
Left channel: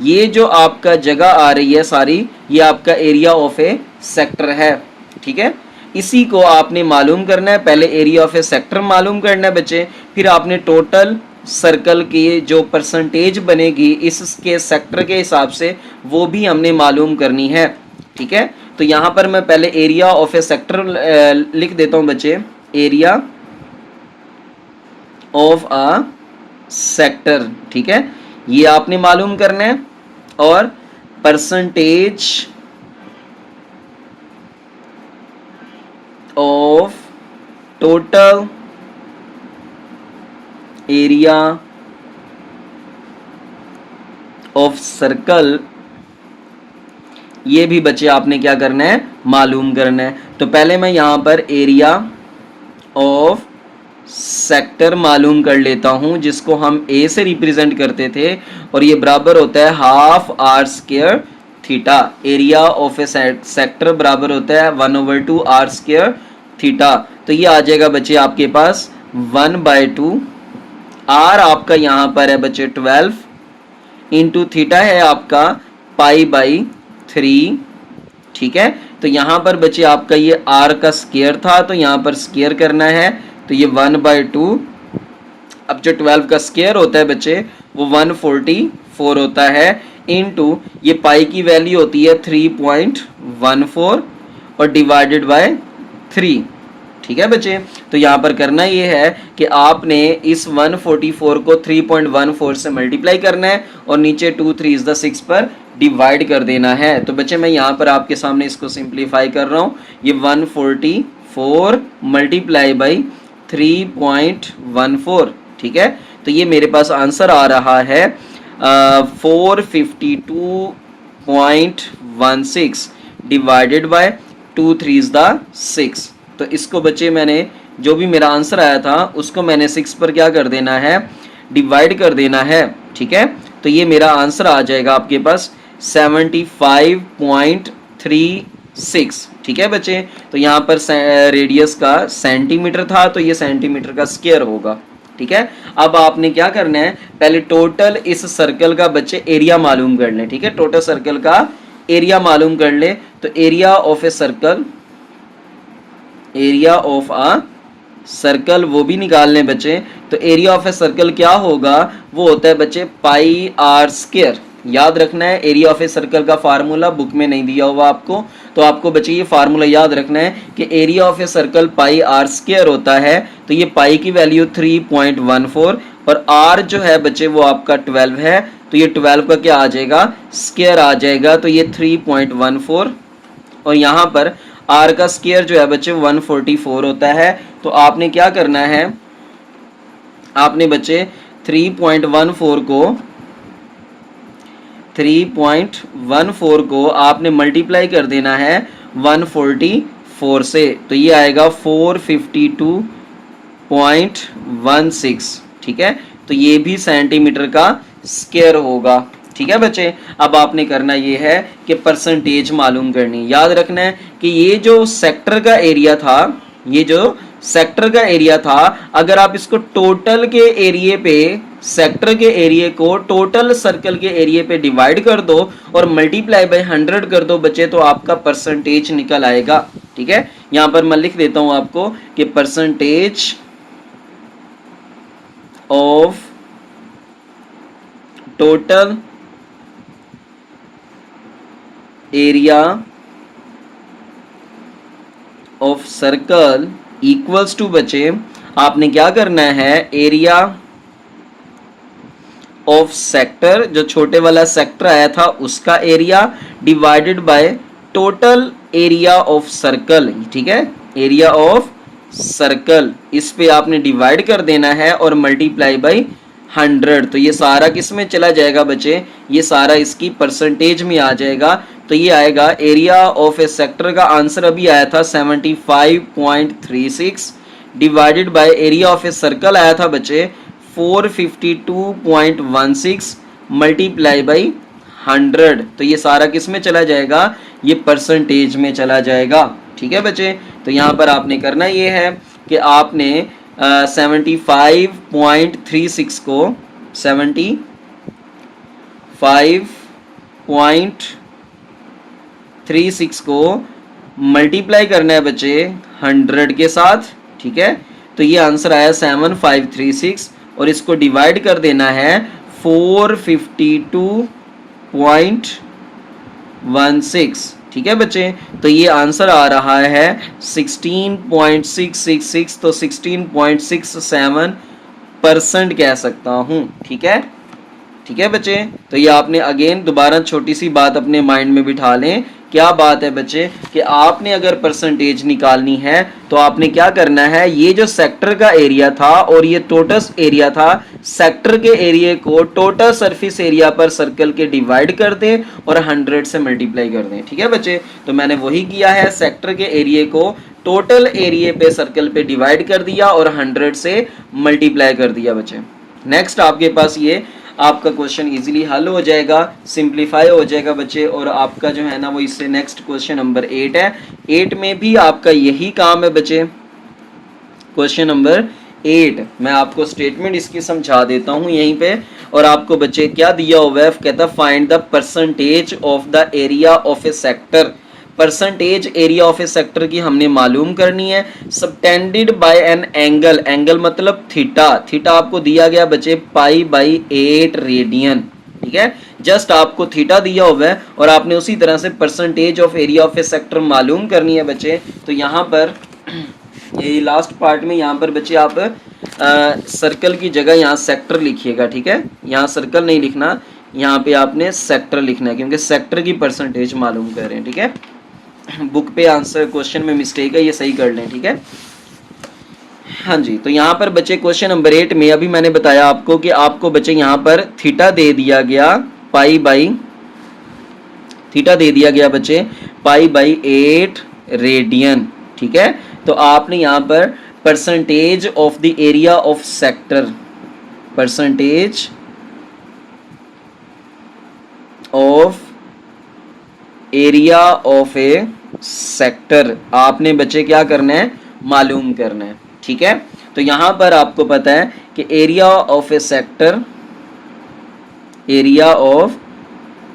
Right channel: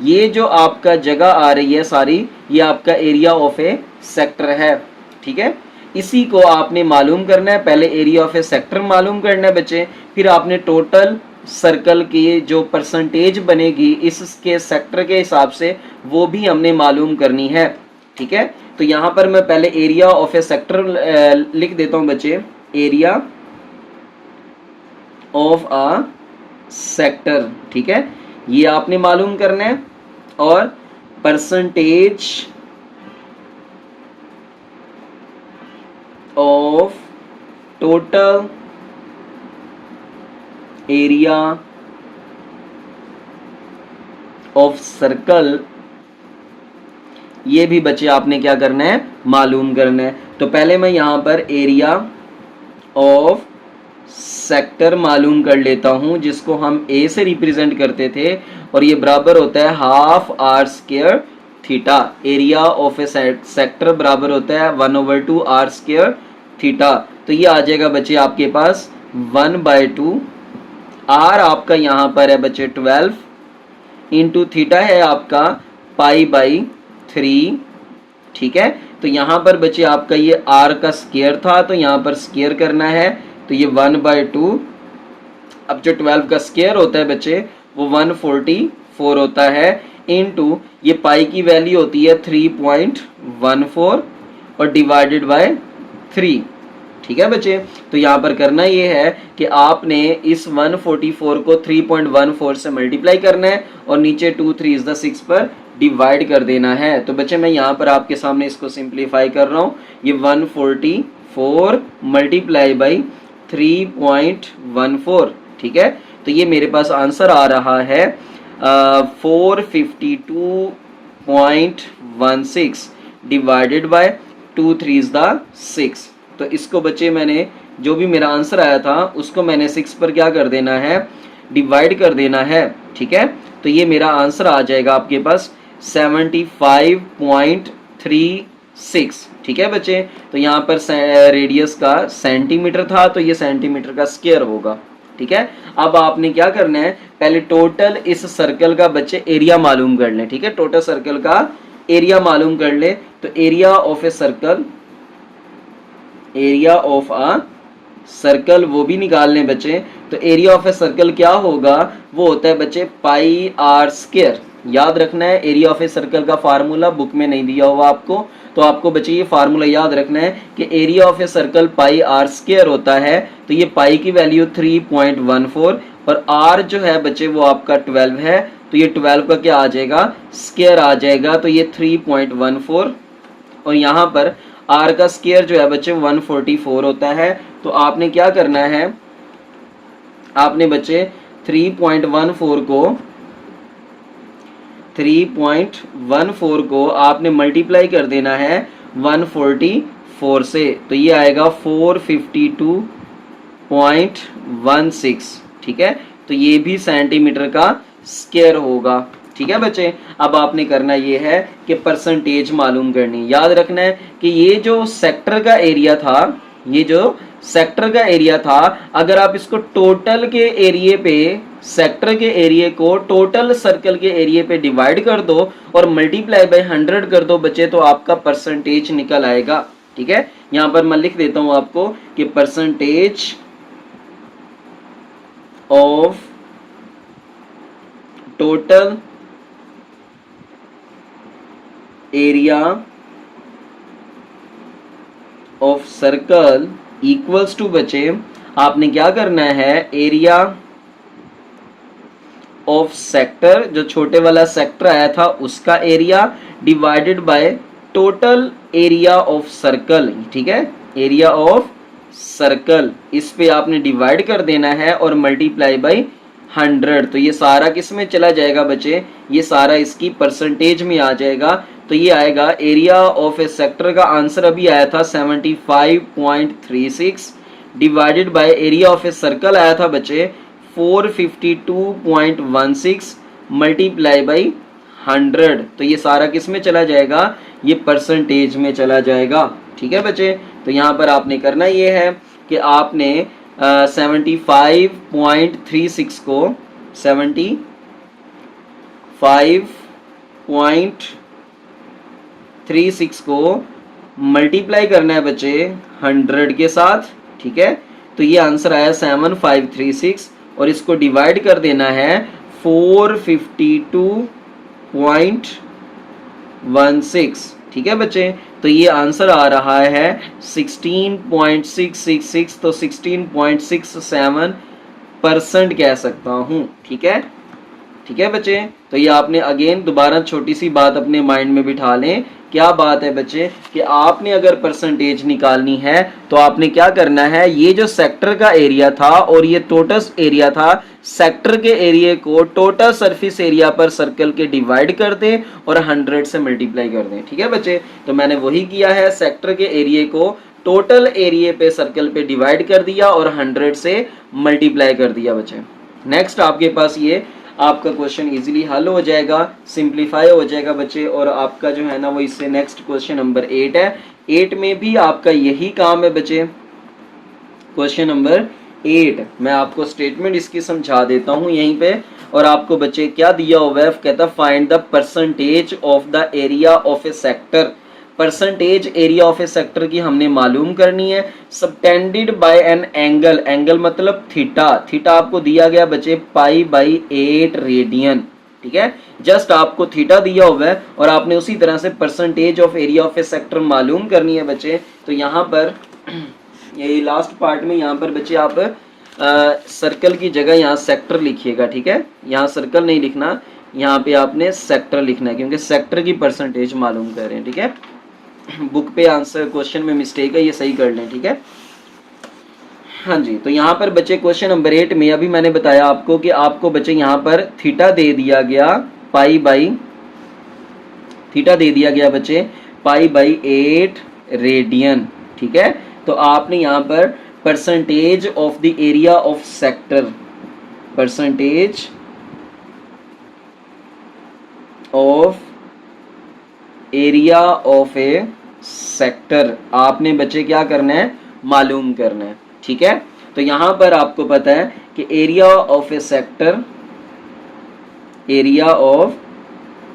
ये जो आपका जगह आ रही है सारी, ये आपका एरिया ऑफ ए सेक्टर है। ठीक है, इसी को आपने मालूम करना है। पहले एरिया ऑफ ए सेक्टर मालूम करना है बच्चे, फिर आपने टोटल सर्कल की जो परसेंटेज बनेगी इसके सेक्टर के हिसाब से, वो भी हमने मालूम करनी है। ठीक है, तो यहाँ पर मैं पहले एरिया ऑफ ए सेक्टर लिख देता हूँ बच्चे, एरिया ऑफ अ सेक्टर। ठीक है, ये आपने मालूम करना है। और percentage of total area of circle, ये भी बच्चे आपने क्या करना है? मालूम करना है। तो पहले मैं यहां पर एरिया ऑफ सेक्टर मालूम कर लेता हूं, जिसको हम ए से रिप्रेजेंट करते थे, और ये बराबर होता है half are square theta. Area of a sector बराबर होता है 1/2 आर स्क्वायर थीटा। तो ये आ जाएगा बच्चे आपके पास 1/2। आर आपका यहाँ पर है बच्चे 12, इंटू थीटा है आपका π/3। ठीक है, तो यहाँ पर बच्चे आपका ये आर का स्क्वायर था, तो यहाँ पर स्क्वायर करना है, तो ये 1/2। अब जो 12 का स्क्वायर होता है बच्चे वो 144 होता है, इंटू ये पाई की वैल्यू होती है 3.14 और डिवाइडेड बाय 3। ठीक है बच्चे, तो यहाँ पर करना ये है कि आपने इस 144 को 3.14 से मल्टीप्लाई करना है, और नीचे 2 3 6 पर डिवाइड कर देना है। तो बच्चे मैं यहाँ पर आपके सामने इसको सिंप्लीफाई कर रहा हूँ। ये 144 मल्टीप्लाई बाई 3.14। ठीक है, तो ये मेरे पास आंसर आ रहा है 452.16 डिवाइडेड बाय 2 3 6। तो इसको बच्चे मैंने जो भी मेरा आंसर आया था उसको मैंने 6 पर क्या कर देना है? डिवाइड कर देना है। ठीक है, तो ये मेरा आंसर आ जाएगा आपके पास 75.36। ठीक है बच्चे, तो यहाँ पर रेडियस का सेंटीमीटर था, तो ये सेंटीमीटर का स्क्वायर होगा। ठीक है, अब आपने क्या करना है? पहले टोटल इस सर्कल का बच्चे एरिया मालूम कर लें। ठीक है, टोटल सर्कल का एरिया मालूम कर ले। तो area of a circle, area of a circle वो भी निकाल लें बच्चे। तो एरिया ऑफ ए सर्कल क्या होगा? वो होता है बच्चे πr²। याद रखना है, एरिया ऑफ ए सर्कल का फार्मूला बुक में नहीं दिया हुआ आपको, तो आपको बच्चे ये फार्मूला याद रखना है कि area of a circle πr² होता है। तो ये पाई की वैल्यू 3.14 और r जो है बच्चे वो आपका 12 है, तो ये 12 का क्या आ जाएगा? स्क्वायर आ जाएगा। तो ये 3.14, और यहाँ पर r का स्क्वायर जो है बच्चे 144 होता है। तो आपने क्या करना है? आपने बच्चे 3.14 को आपने मल्टीप्लाई कर देना है 144 से, तो ये आएगा 452.16। ठीक है, तो ये भी सेंटीमीटर का स्क्वायर होगा। ठीक है बच्चे, अब आपने करना ये है कि परसेंटेज मालूम करनी। याद रखना है कि ये जो सेक्टर का एरिया था, ये जो सेक्टर का एरिया था, अगर आप इसको टोटल के एरिया पे, सेक्टर के एरिया को टोटल सर्कल के एरिया पे डिवाइड कर दो और मल्टीप्लाई बाय 100 कर दो बच्चे, तो आपका परसेंटेज निकल आएगा। ठीक है, यहां पर मैं लिख देता हूं आपको कि percentage of total area of circle equals to बच्चे, आपने क्या करना है? एरिया ऑफ सेक्टर, जो छोटे वाला सेक्टर आया था उसका area, divided by total area of circle. ठीक है, एरिया ऑफ सर्कल, इस पे आपने डिवाइड कर देना है और मल्टीप्लाई बाय 100। तो ये सारा किस में चला जाएगा बच्चे? ये सारा इसकी परसेंटेज में आ जाएगा। तो ये आएगा एरिया ऑफ ए सेक्टर का आंसर अभी आया था 75.36 divided by area of a circle आया था बच्चे 452.16 मल्टीप्लाई बाई 100, तो ये सारा किस में चला जाएगा, ये परसेंटेज में चला जाएगा। ठीक है बच्चे, तो यहाँ पर आपने करना ये है कि आपने 75.36 को 75.36 को मल्टीप्लाई करना है बच्चे 100 के साथ। ठीक है, तो ये आंसर आया 7536 और इसको डिवाइड कर देना है 452.16। ठीक है बच्चे, तो ये आंसर आ रहा है 16.666, तो 16.67% कह सकता हूँ। ठीक है, ठीक है बच्चे, तो ये आपने अगेन दोबारा छोटी सी बात अपने माइंड में बिठा लें। क्या बात है बच्चे कि आपने अगर परसेंटेज निकालनी है तो आपने क्या करना है, ये जो सेक्टर का एरिया था और ये टोटल एरिया था, सेक्टर के एरिया को टोटल सरफेस एरिया पर सर्कल के डिवाइड कर दें और 100 से मल्टीप्लाई कर दें। ठीक है बच्चे, तो मैंने वही किया है, सेक्टर के एरिया को टोटल एरिया पे सर्कल पे डिवाइड कर दिया और 100 से मल्टीप्लाई कर दिया बच्चे। नेक्स्ट आपके पास ये आपका क्वेश्चन इजीली हल हो जाएगा, सिंप्लीफाई हो जाएगा बच्चे, और आपका जो है ना वो इससे नेक्स्ट क्वेश्चन नंबर 8 है। 8 में भी आपका यही काम है बच्चे। क्वेश्चन नंबर 8 मैं आपको स्टेटमेंट इसकी समझा देता हूँ यहीं पे, और आपको बच्चे क्या दिया हुआ है, कहता find the percentage of the area of a sector. Percentage area of a sector की हमने मालूम करनी है, subtended bye an angle, angle मतलब थीटा, थीटा आपको दिया गया बच्चे π/8 रेडियन। ठीक है, जस्ट आपको थीटा दिया हुआ है और आपने उसी तरह से percentage of area of a sector मालूम करनी है बच्चे। तो यहाँ पर ये लास्ट पार्ट में यहाँ पर बच्चे आप सर्कल की जगह यहाँ सेक्टर लिखिएगा। ठीक है, यहाँ सर्कल नहीं लिखना, यहाँ पे आपने सेक्टर लिखना है क्योंकि सेक्टर की परसेंटेज मालूम कर रहे हैं। ठीक है, बुक पे आंसर क्वेश्चन में मिस्टेक है, ये सही कर लें। ठीक है, हाँ जी, तो यहाँ पर बच्चे क्वेश्चन नंबर 8 में अभी मैंने बताया आपको कि आपको बच्चे यहाँ पर थीटा दे दिया गया थीटा दे दिया गया बच्चे π/8 रेडियन। ठीक है, तो आपने यहाँ पर percentage of the area of sector, percentage of area of a sector आपने बच्चे क्या करना है, मालूम करना है। ठीक है, तो यहां पर आपको पता है कि area of a sector, area of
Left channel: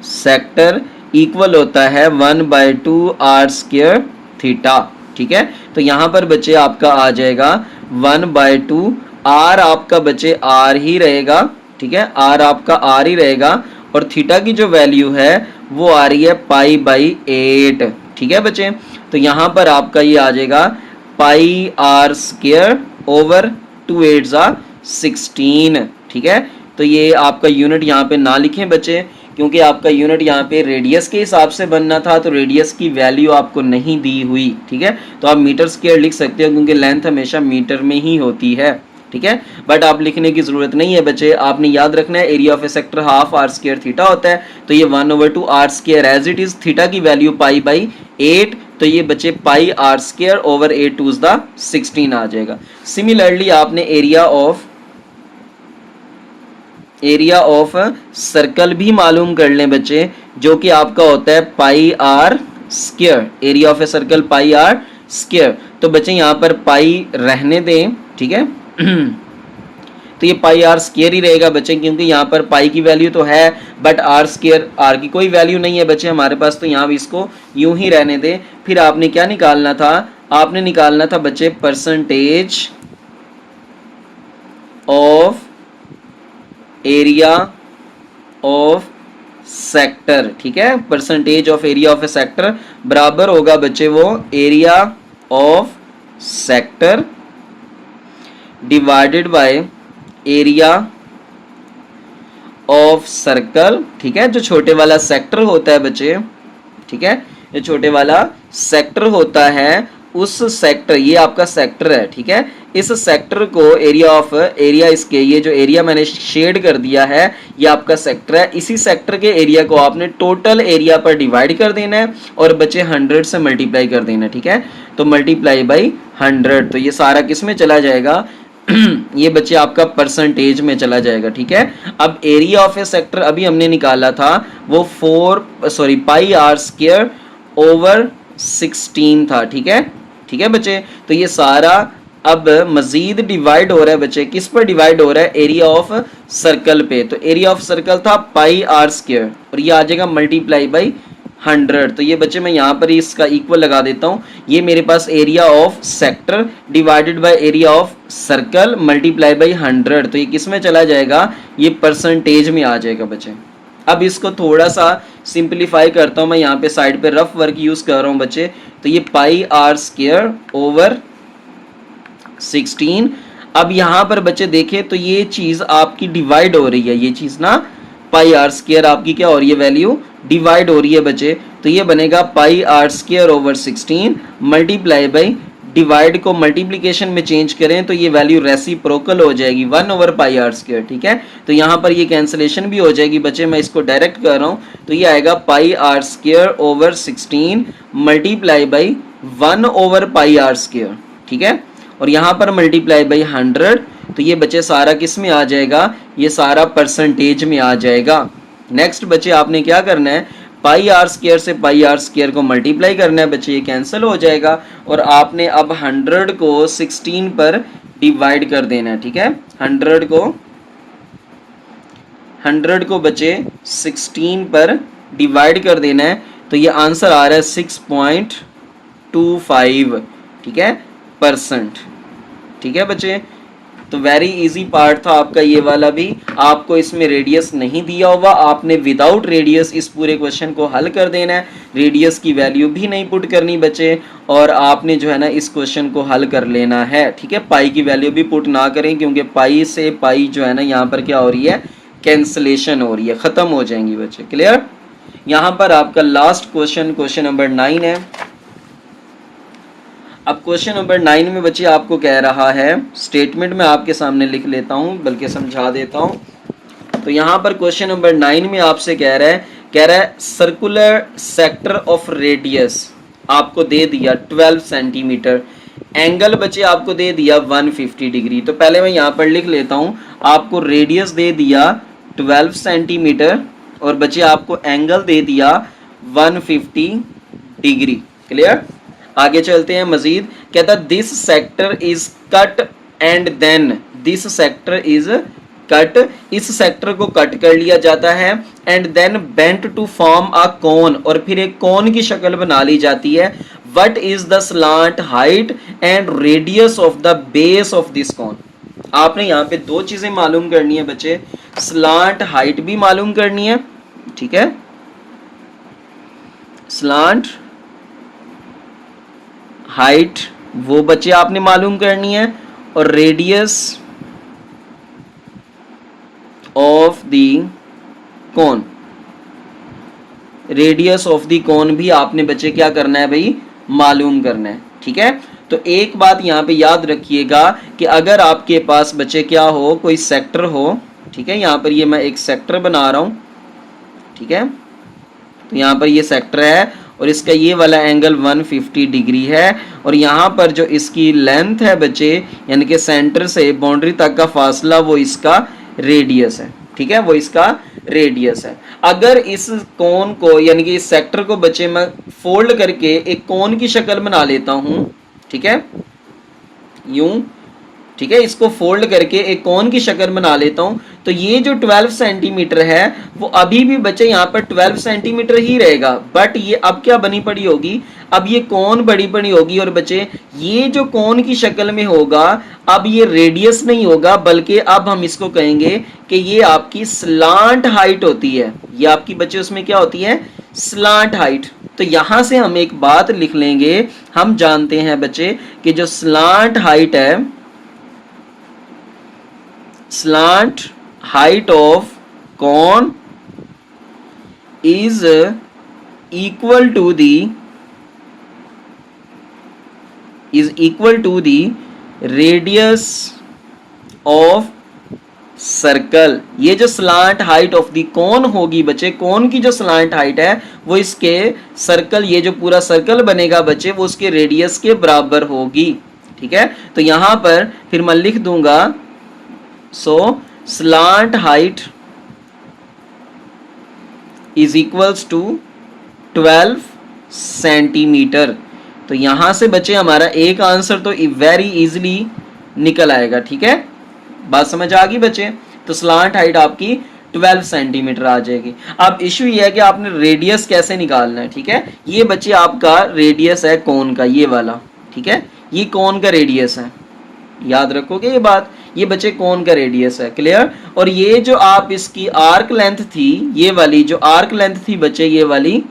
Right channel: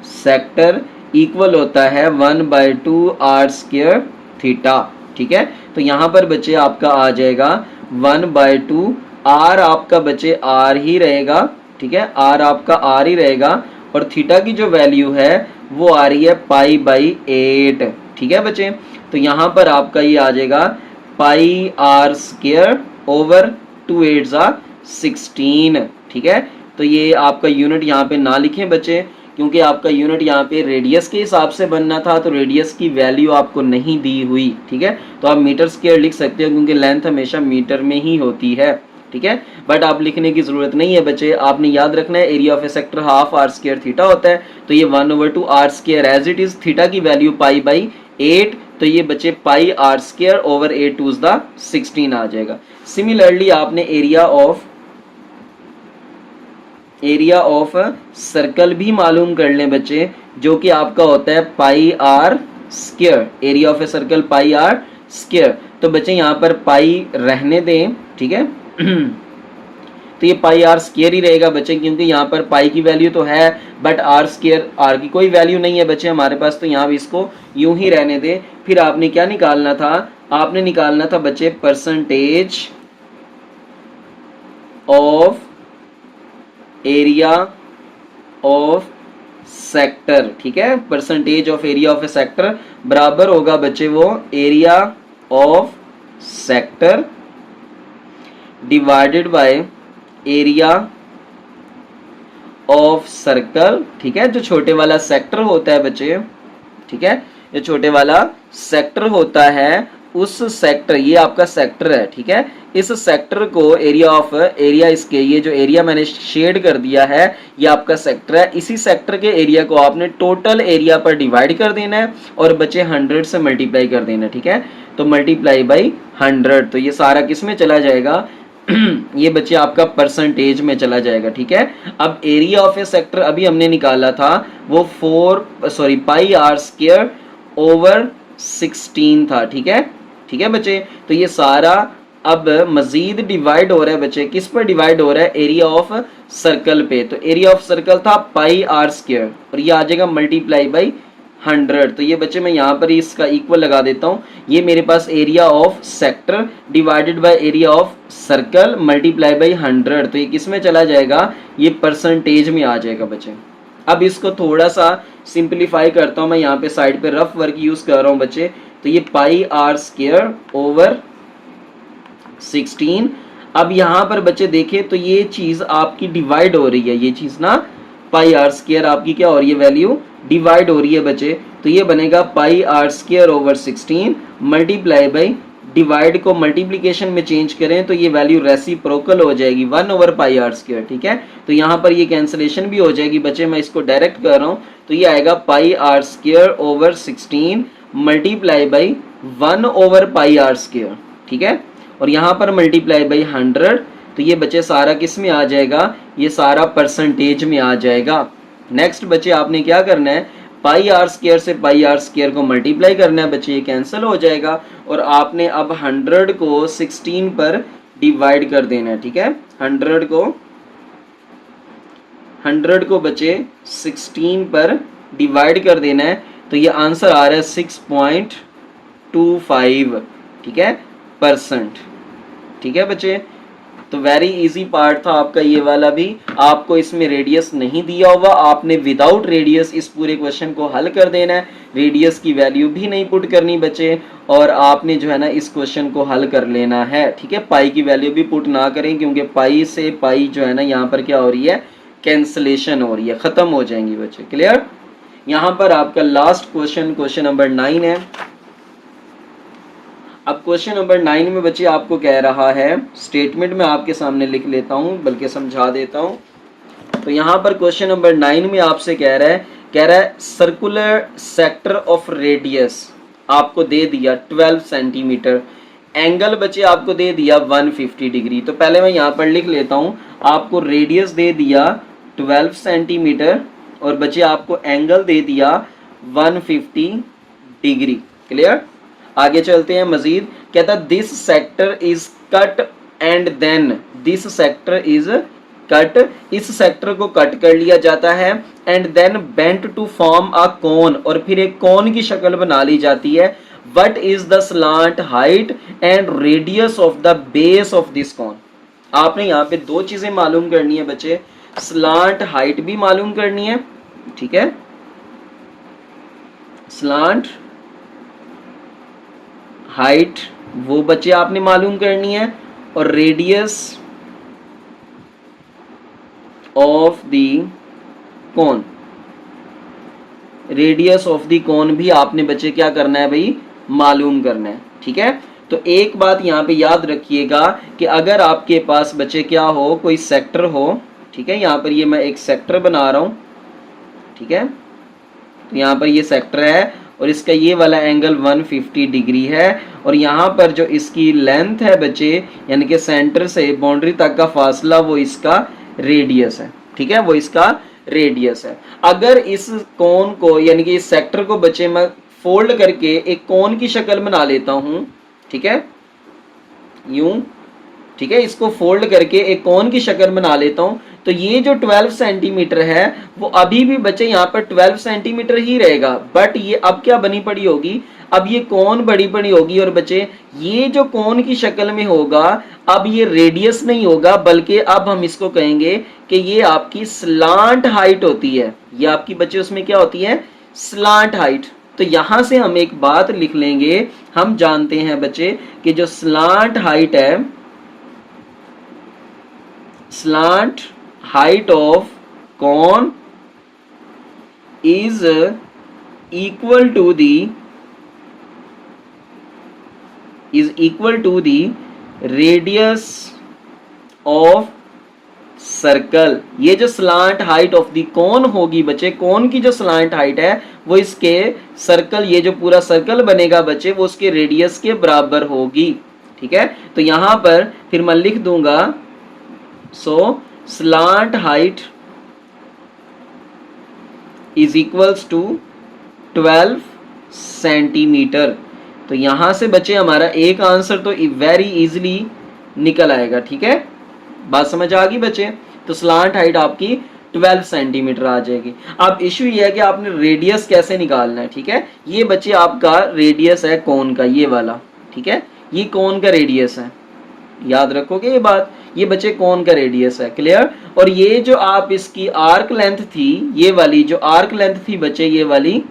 sector equal होता है 1/2 r² थीटा। ठीक है, तो यहां पर बच्चे आपका आ जाएगा 1/2 r, आपका बच्चे r ही रहेगा। ठीक है, r आपका r ही रहेगा और थीटा की जो वैल्यू है वो आ रही है π/8। ठीक है बच्चे, तो यहाँ पर आपका ये आ जाएगा πr² ओवर 2 8 16। ठीक है, तो ये आपका यूनिट यहाँ पे ना लिखें बच्चे क्योंकि आपका यूनिट यहाँ पे रेडियस के हिसाब से बनना था, तो रेडियस की वैल्यू आपको नहीं दी हुई। ठीक है, तो आप मीटर स्क्वायर लिख सकते हो क्योंकि लेंथ हमेशा मीटर में ही होती है। ठीक है, बट आप लिखने की जरूरत नहीं है बच्चे, आपने याद रखना है area of a sector half r² theta होता है, तो ये 1/2 r² as it is, theta की वैल्यू π/8, तो ये बच्चे πr² ओवर 8 2 16 आ जाएगा। सिमिलरली आपने एरिया ऑफ सर्कल भी मालूम कर लें बच्चे, जो कि आपका होता है πr², area of a circle πr²। तो बच्चे यहाँ पर पाई रहने दें। ठीक है, तो ये πr² ही रहेगा बच्चे क्योंकि यहाँ पर पाई की वैल्यू तो है बट r² r की कोई वैल्यू नहीं है बच्चे हमारे पास, तो यहाँ भी इसको यूं ही रहने दें। फिर आपने क्या निकालना था, आपने निकालना था बच्चे percentage of area of sector. ठीक है, percentage of area of a sector बराबर होगा बच्चे वो area of sector divided by area of circle. ठीक है, जो छोटे वाला सेक्टर होता है बच्चे, ठीक है, जो छोटे वाला सेक्टर होता है उस सेक्टर, ये आपका सेक्टर है। ठीक है, इस सेक्टर को एरिया इसके, ये जो एरिया मैंने शेड कर दिया है ये आपका सेक्टर है, इसी सेक्टर के एरिया को आपने टोटल एरिया पर डिवाइड कर देना है और बच्चे 100 से मल्टीप्लाई कर देना है। ठीक है, तो मल्टीप्लाई बाई 100, तो ये सारा किस में चला जाएगा, ये बच्चे आपका परसेंटेज में चला जाएगा, ठीक है। अब एरिया ऑफ ए सेक्टर अभी हमने निकाला था, वो पाई आर स्क्वायर ओवर 16 था, ठीक है। ठीक है बच्चे, तो ये सारा अब मजीद डिवाइड हो रहा है बच्चे, किस पर डिवाइड हो रहा है, एरिया ऑफ सर्कल पे। तो एरिया ऑफ सर्कल था पाई आर स्क्वायर और ये आ जाएगा मल्टीप्लाई बाई 100। तो ये बच्चे मैं यहाँ पर ही इसका इक्वल लगा देता हूँ, ये मेरे पास area of sector divided by area of circle multiply by 100। तो ये किस में चला जाएगा, ये परसेंटेज में आ जाएगा बच्चे। अब इसको थोड़ा सा सिंप्लीफाई करता हूँ मैं, यहाँ पे साइड पे रफ वर्क यूज कर रहा हूँ बच्चे। तो ये पाई आर स्क्वायर ओवर 16। अब यहाँ पर बच्चे देखें तो ये चीज आपकी डिवाइड हो रही है, ये चीज ना पाई आर स्क्वायर आपकी क्या हो रही है, वैल्यू डिवाइड हो रही है बच्चे। तो ये बनेगा pi R square over 16 multiply by, divide को मल्टीप्लिकेशन में चेंज करें तो ये वैल्यू रेसिप्रोकल हो जाएगी 1 ओवर पाई आर स्क्वायर, ठीक है। तो यहाँ पर ये कैंसिलेशन भी हो जाएगी बच्चे, मैं इसको डायरेक्ट कर रहा हूँ। तो ये आएगा pi R square over 16 multiply by 1 over pi R square, ठीक है। और यहाँ पर मल्टीप्लाई बाई 100। तो ये बच्चे सारा किस में आ जाएगा, ये सारा परसेंटेज में आ जाएगा। नेक्स्ट बच्चे आपने क्या करना है, पाई आर स्क्वायर से पाई आर स्क्वायर को मल्टीप्लाई करना है बच्चे, ये कैंसिल हो जाएगा। और आपने अब 100 को 16 पर डिवाइड कर देना है, ठीक है। 100 को बच्चे 16 पर डिवाइड कर देना है। तो ये आंसर आ रहा है 6.25, ठीक है, परसेंट, ठीक है बच्चे। तो वेरी इजी पार्ट था आपका ये वाला भी। आपको इसमें रेडियस नहीं दिया होगा, आपने विदाउट रेडियस इस पूरे क्वेश्चन को हल कर देना है, रेडियस की वैल्यू भी नहीं पुट करनी बच्चे। और आपने जो है ना इस क्वेश्चन को हल कर लेना है, ठीक है। पाई की वैल्यू भी पुट ना करें, क्योंकि पाई से पाई जो है ना यहाँ पर क्या हो रही है, कैंसलेशन हो रही है, खत्म हो जाएंगी बच्चे, क्लियर। यहाँ पर आपका लास्ट क्वेश्चन, क्वेश्चन नंबर 9 है। अब क्वेश्चन नंबर 9 में बच्चे आपको कह रहा है, स्टेटमेंट में आपके सामने लिख लेता हूँ, बल्कि समझा देता हूँ। तो यहाँ पर क्वेश्चन नंबर 9 में आपसे कह रहा है सर्कुलर सेक्टर ऑफ रेडियस आपको दे दिया 12 सेंटीमीटर, एंगल बच्चे आपको दे दिया 150 डिग्री। तो पहले मैं यहाँ पर लिख लेता हूँ, आपको रेडियस दे दिया 12 सेंटीमीटर और बच्चे आपको एंगल दे दिया 150 डिग्री, क्लियर। आगे चलते हैं मजीद, कहता this sector is cut and then, this sector is cut, इस सेक्टर को कट कर लिया जाता है, and then bent to form a cone, और फिर एक कोन की शक्ल बना ली जाती है। What is the slant height and radius of the base of this cone. आपने यहाँ पे दो चीजें मालूम करनी है बच्चे, स्लांट हाइट भी मालूम करनी है, ठीक है, स्लांट हाइट वो बच्चे आपने मालूम करनी है, और radius of the cone, radius of the cone भी आपने बच्चे क्या करना है भाई, मालूम करना है, ठीक है। तो एक बात यहाँ पे याद रखिएगा कि अगर आपके पास बच्चे क्या हो, कोई सेक्टर हो, ठीक है, यहाँ पर ये मैं एक सेक्टर बना रहा हूँ, ठीक है। तो यहाँ पर ये सेक्टर है और इसका ये वाला एंगल 150 डिग्री है, और यहाँ पर जो इसकी लेंथ है बच्चे, यानी कि सेंटर से बाउंड्री तक का फासला, वो इसका रेडियस है, ठीक है, वो इसका रेडियस है। अगर इस कोन को यानी कि इस सेक्टर को बच्चे मैं फोल्ड करके एक कोन की शक्ल बना लेता हूँ, ठीक है, यूं, ठीक है, इसको फोल्ड करके एक कोन की शक्ल बना लेता हूं, तो ये जो 12 सेंटीमीटर है वो अभी भी बच्चे यहाँ पर 12 सेंटीमीटर ही रहेगा, बट ये अब क्या बनी पड़ी होगी, अब ये कोन बड़ी पड़ी होगी, और बच्चे ये जो कोन की शक्ल में होगा अब ये रेडियस नहीं होगा, बल्कि अब हम इसको कहेंगे कि ये आपकी स्लांट हाइट होती है, ये आपकी बच्चे उसमें क्या होती है, स्लांट हाइट। तो यहां से हम एक बात लिख लेंगे, हम जानते हैं बच्चे कि जो स्लांट हाइट है, slant height of cone is equal to the radius of circle. ये जो स्लांट हाइट ऑफ दी कोन होगी बच्चे, कोन की जो स्लांट हाइट है वो इसके सर्कल, ये जो पूरा सर्कल बनेगा बच्चे, वो उसके रेडियस के बराबर होगी, ठीक है। तो यहाँ पर फिर मैं लिख दूंगा so slant height is equals to 12 centimetre. तो यहां से बच्चे हमारा एक आंसर तो वेरी इजीली निकल आएगा। ठीक है, बात समझ आ गई बच्चे। तो स्लांट हाइट आपकी 12 सेंटीमीटर आ जाएगी। अब इशू ये है कि आपने रेडियस कैसे निकालना है। ठीक है, ये बच्चे आपका रेडियस है कोन का, ये वाला। ठीक है, ये कोन का रेडियस है, याद रखोगे ये बात। ये बच्चे कोन का रेडियस है, क्लियर। और ये जो आप इसकी आर्क लेंथ थी, ये वाली जो आर्क लेंथ थी बच्चे, ये वाली,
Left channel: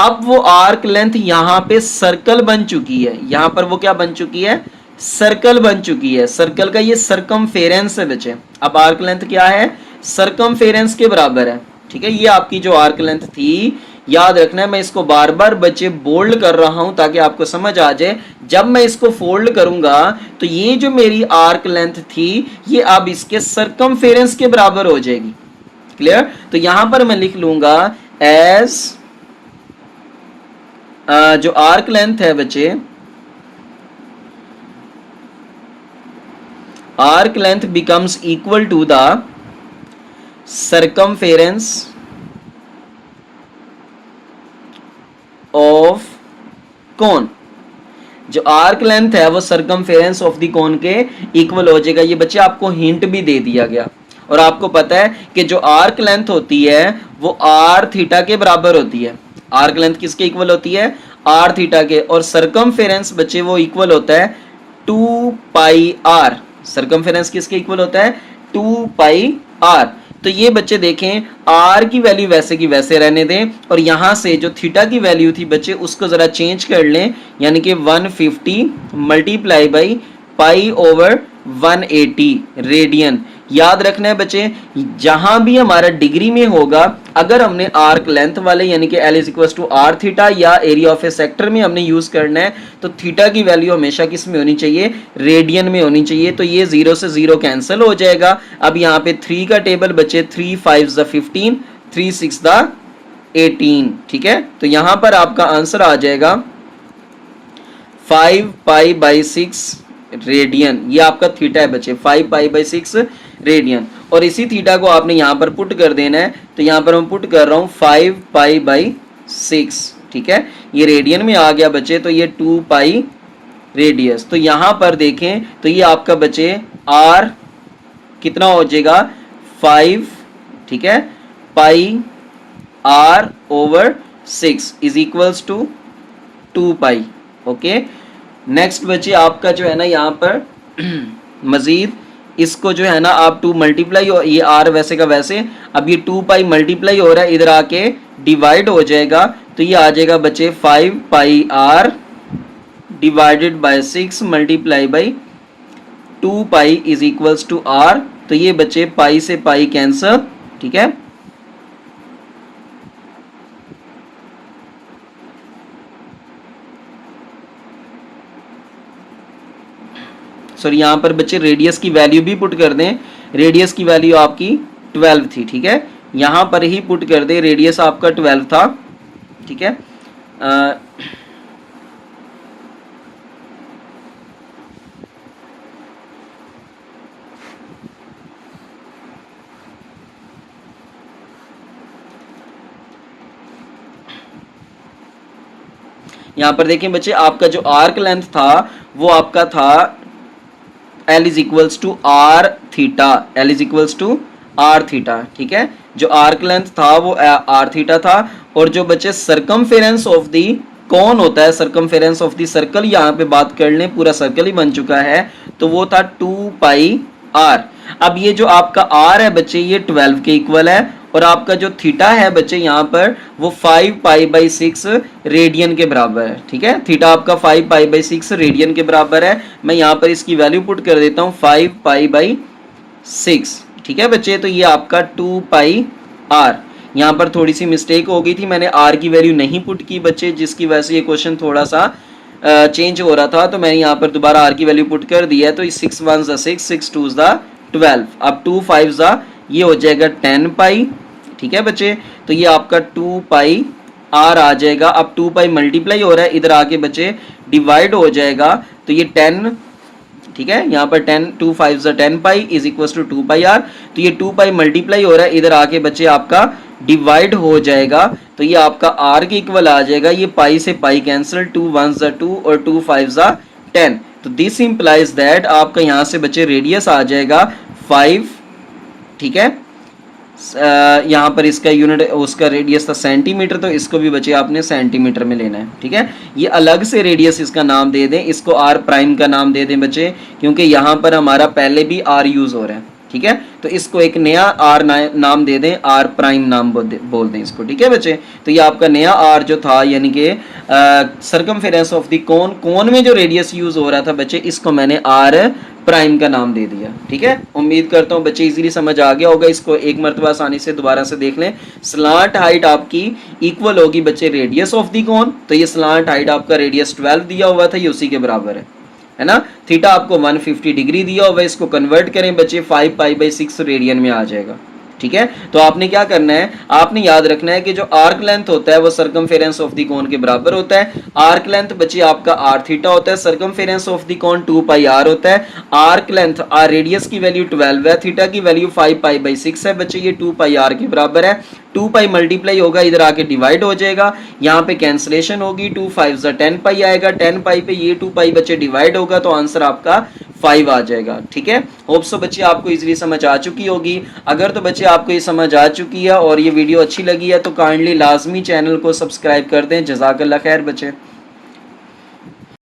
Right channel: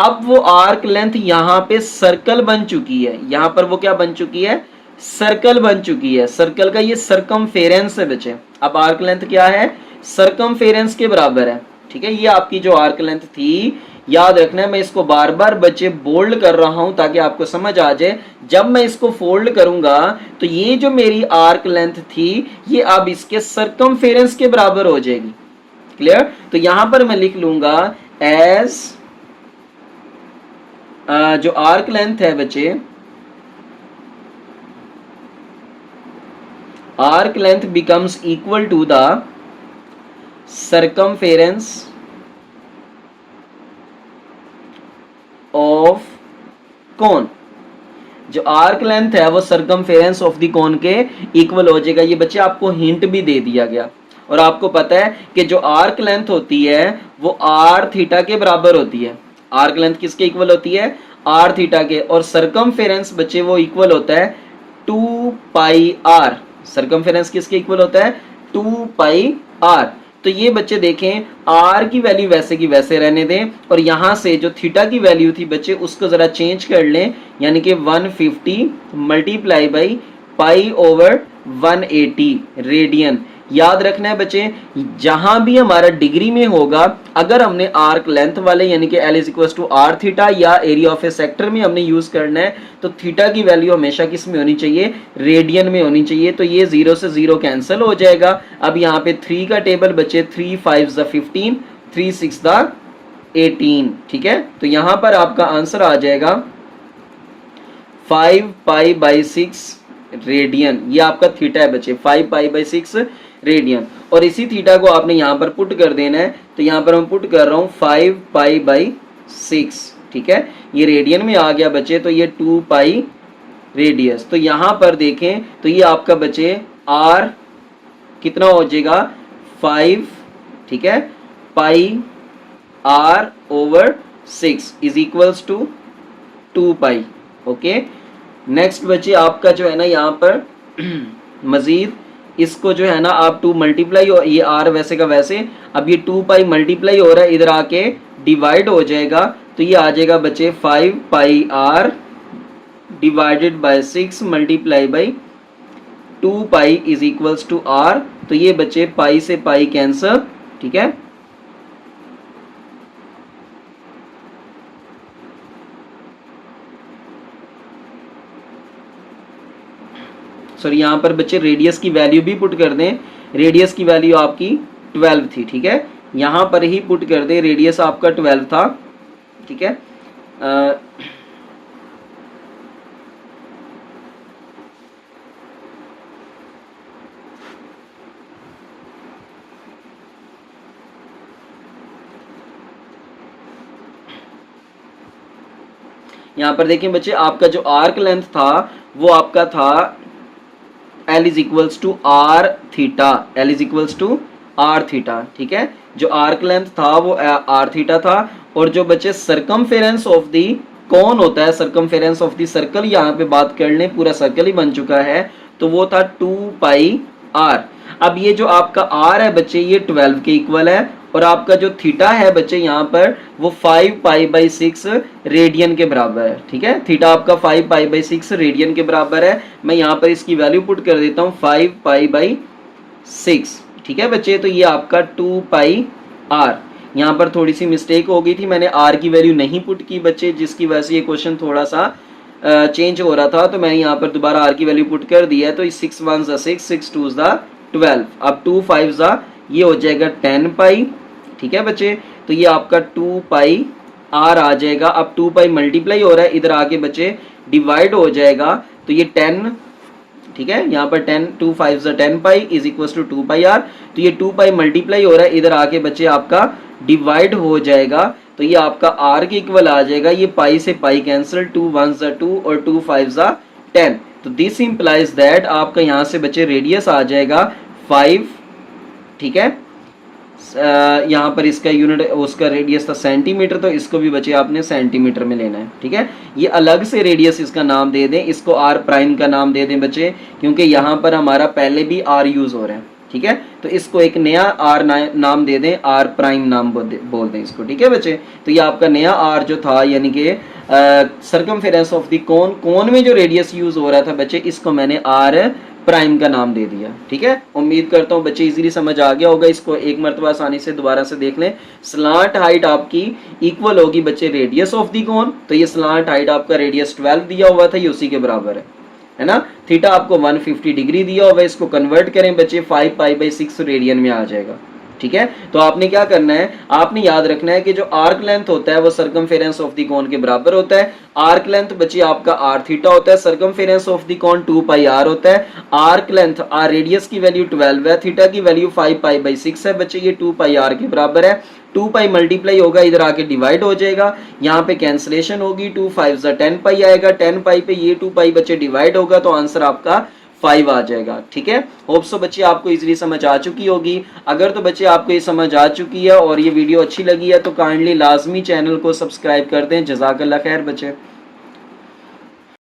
अब वो आर्क लेंथ यहाँ पे सर्कल बन चुकी है। यहाँ पर वो क्या बन चुकी है, सर्कल बन चुकी है। सर्कल का ये सरकमफेरेंस है बच्चे। अब आर्क लेंथ क्या है, सरकमफेरेंस के बराबर है। ठीक है, ये आपकी जो आर्क लेंथ थी, याद रखना है, मैं इसको बार बार बच्चे बोल्ड कर रहा हूं ताकि आपको समझ आ जाए। जब मैं इसको फोल्ड करूंगा तो ये जो मेरी आर्क लेंथ थी, ये अब इसके सरकमफेरेंस के बराबर हो जाएगी, क्लियर। तो यहां पर मैं लिख लूंगा एज जो आर्क लेंथ है बच्चे, arc length becomes equal to the circumference of cone. जो आर्क लेंथ है वो सरकमफेरेंस ऑफ द कोन के इक्वल हो जाएगा। ये बच्चे आपको हिंट भी दे दिया गया। और आपको पता है कि जो आर्क लेंथ होती है वो आर थीटा के बराबर होती है। आर्क लेंथ किसके इक्वल होती है, आर थीटा के। और सरकमफेरेंस बच्चे वो इक्वल होता है 2 पाई आर। सरकमफेरेंस किसके इक्वल होता है, 2 पाई आर। तो ये बच्चे देखें, आर की वैल्यू वैसे की वैसे रहने दें, और यहां से जो थीटा की वैल्यू थी बच्चे उसको जरा चेंज कर लें, यानी कि 150 multiply by pi over 180 radian. याद रखना है बच्चे, जहां भी हमारा डिग्री में होगा, अगर हमने आर्क लेंथ वाले यानी कि L is equal to are theta या एरिया ऑफ ए सेक्टर में हमने यूज करना है, तो थीटा की वैल्यू हमेशा किस में होनी चाहिए, रेडियन में होनी चाहिए। तो ये 0 से 0 कैंसिल हो जाएगा। अब यहाँ पे 3 का टेबल बच्चे 3 5 15, 3 6 18। ठीक है, तो यहां पर आपका आंसर आ जाएगा 5 पाई बाई 6 रेडियन। ये आपका थीटा है बच्चे, 5 पाई बाई 6 रेडियन। और इसी थीटा को आपने यहाँ पर पुट कर देना है। तो यहाँ पर मैं पुट कर रहा हूँ 5 पाई बाई 6। ठीक है, ये रेडियन में आ गया बच्चे, तो ये 2 पाई रेडियस। तो यहाँ पर देखें तो ये आपका बच्चे आर कितना हो जाएगा, 5, ठीक है, pi R over 6 is equals to 2 pi. Okay, next बच्चे आपका जो है ना यहाँ पर मजीद इसको जो है ना आप 2 मल्टीप्लाई, और ये आर वैसे का वैसे, अब ये 2 पाई मल्टीप्लाई हो रहा है, इधर आके डिवाइड हो जाएगा। तो ये आ जाएगा बच्चे 5 pi R divided by 6 multiply by 2 pi is equals to R. तो ये बच्चे पाई से पाई कैंसर। ठीक है, सॉरी यहाँ पर बच्चे रेडियस की वैल्यू भी पुट कर दें। रेडियस की वैल्यू आपकी 12 थी। ठीक है, यहाँ पर ही पुट कर दे, रेडियस आपका 12 था। ठीक है, यहाँ पर देखिए बच्चे, आपका जो आर्क लेंथ था वो आपका था L is equals to are theta. L is equals to are theta. ठीक है, जो आर्क लेंथ था वो आर थीटा था। और जो बच्चे सरकमफेरेंस ऑफ दी कौन होता है, सरकमफेरेंस ऑफ दी सर्कल, यहाँ पे बात कर लें, पूरा सर्कल ही बन चुका है, तो वो था 2 पाई आर। अब ये जो आपका आर है बच्चे ये 12 के इक्वल है, और आपका जो थीटा है बच्चे यहाँ पर वो 5 पाई बाई 6 रेडियन के बराबर है। ठीक है, थीटा आपका 5 पाई बाई 6 रेडियन के बराबर है। मैं यहाँ पर इसकी वैल्यू पुट कर देता हूँ 5 पाई बाई 6। ठीक है बच्चे, तो ये आपका 2 पाई आर। यहाँ पर थोड़ी सी मिस्टेक हो गई थी, मैंने आर की वैल्यू नहीं पुट की बच्चे, जिसकी वजह से ये क्वेश्चन थोड़ा सा चेंज हो रहा था। तो मैंने यहाँ पर दोबारा आर की वैल्यू पुट कर दी है। तो 6 1 6, 6 2 12, अब 2 5 ये हो जाएगा 10 पाई। ठीक है बच्चे, तो ये आपका 2 पाई आर आ जाएगा। अब 2 पाई मल्टीप्लाई हो रहा है, इधर आके बच्चे डिवाइड हो जाएगा। तो ये 10 ठीक है, यहाँ पर 10 2 5 10 pi is equal to 2 pi r. तो ये 2 पाई मल्टीप्लाई हो रहा है, इधर आके बच्चे आपका डिवाइड हो जाएगा, तो ये आपका आर के इक्वल आ जाएगा। ये पाई से पाई कैंसिल, 2 1 2 और 2 5 10। तो दिस इंप्लाइज दैट आपका यहाँ से बच्चे रेडियस आ जाएगा 5, ठीक है। यहाँ पर इसका यूनिट उसका रेडियस था सेंटीमीटर, तो इसको भी बच्चे आपने सेंटीमीटर में लेना है, ठीक है। ये अलग से रेडियस इसका नाम दे दें, इसको आर प्राइम का नाम दे दें बच्चे, क्योंकि यहाँ पर हमारा पहले भी आर यूज़ हो रहा है, ठीक है। तो इसको एक नया आर नाम दे दें, आर प्राइम नाम बोल दें इसको, ठीक है बच्चे। तो ये आपका नया आर जो था, यानी कि सर्कमफेरेंस ऑफ द कोन, कोन में जो रेडियस यूज़ हो रहा था बच्चे, इसको मैंने आर प्राइम का नाम दे दिया, ठीक है। उम्मीद करता हूँ बच्चे इजीली समझ आ गया होगा। इसको एक मरतबा आसानी से दोबारा से देख लें। स्लांट हाइट आपकी इक्वल होगी बच्चे रेडियस ऑफ दी कोन, तो ये स्लांट हाइट आपका रेडियस 12 दिया हुआ था, ये उसी के बराबर है ना। थीटा आपको 150 डिग्री दिया हुआ है, इसको कन्वर्ट करें बच्चे 5 पाई बाई 6 रेडियन में आ जाएगा, ठीक है। तो आपने क्या करना है, आपने याद रखना है कि जो आर्क लेंथ होता है वो सर्कमफेरेंस ऑफ द कोन के बराबर होता है। आर्क लेंथ बच्चे आपका आर थीटा होता है, circumference of the cone 2 pi r होता है। आर्क लेंथ आर रेडियस की वैल्यू 12 है, थीटा की वैल्यू 5 पाई बाई 6 है बच्चे, ये 2 पाई आर के बराबर है। 2 पाई मल्टीप्लाई होगा, इधर आके डिवाइड हो जाएगा, यहाँ पे कैंसिलेशन होगी, 2 5 10 पाई आएगा, 10 पाई पे ये 2 पाई बच्चे डिवाइड होगा, तो आंसर आपका 5 आ जाएगा, ठीक है। होप सो बच्चे आपको इजीली समझ आ चुकी होगी। अगर तो बच्चे आपको ये समझ आ चुकी है और ये वीडियो अच्छी लगी है तो काइंडली लाजमी चैनल को सब्सक्राइब कर दें। जज़ाकल्लाह खैर बच्चे।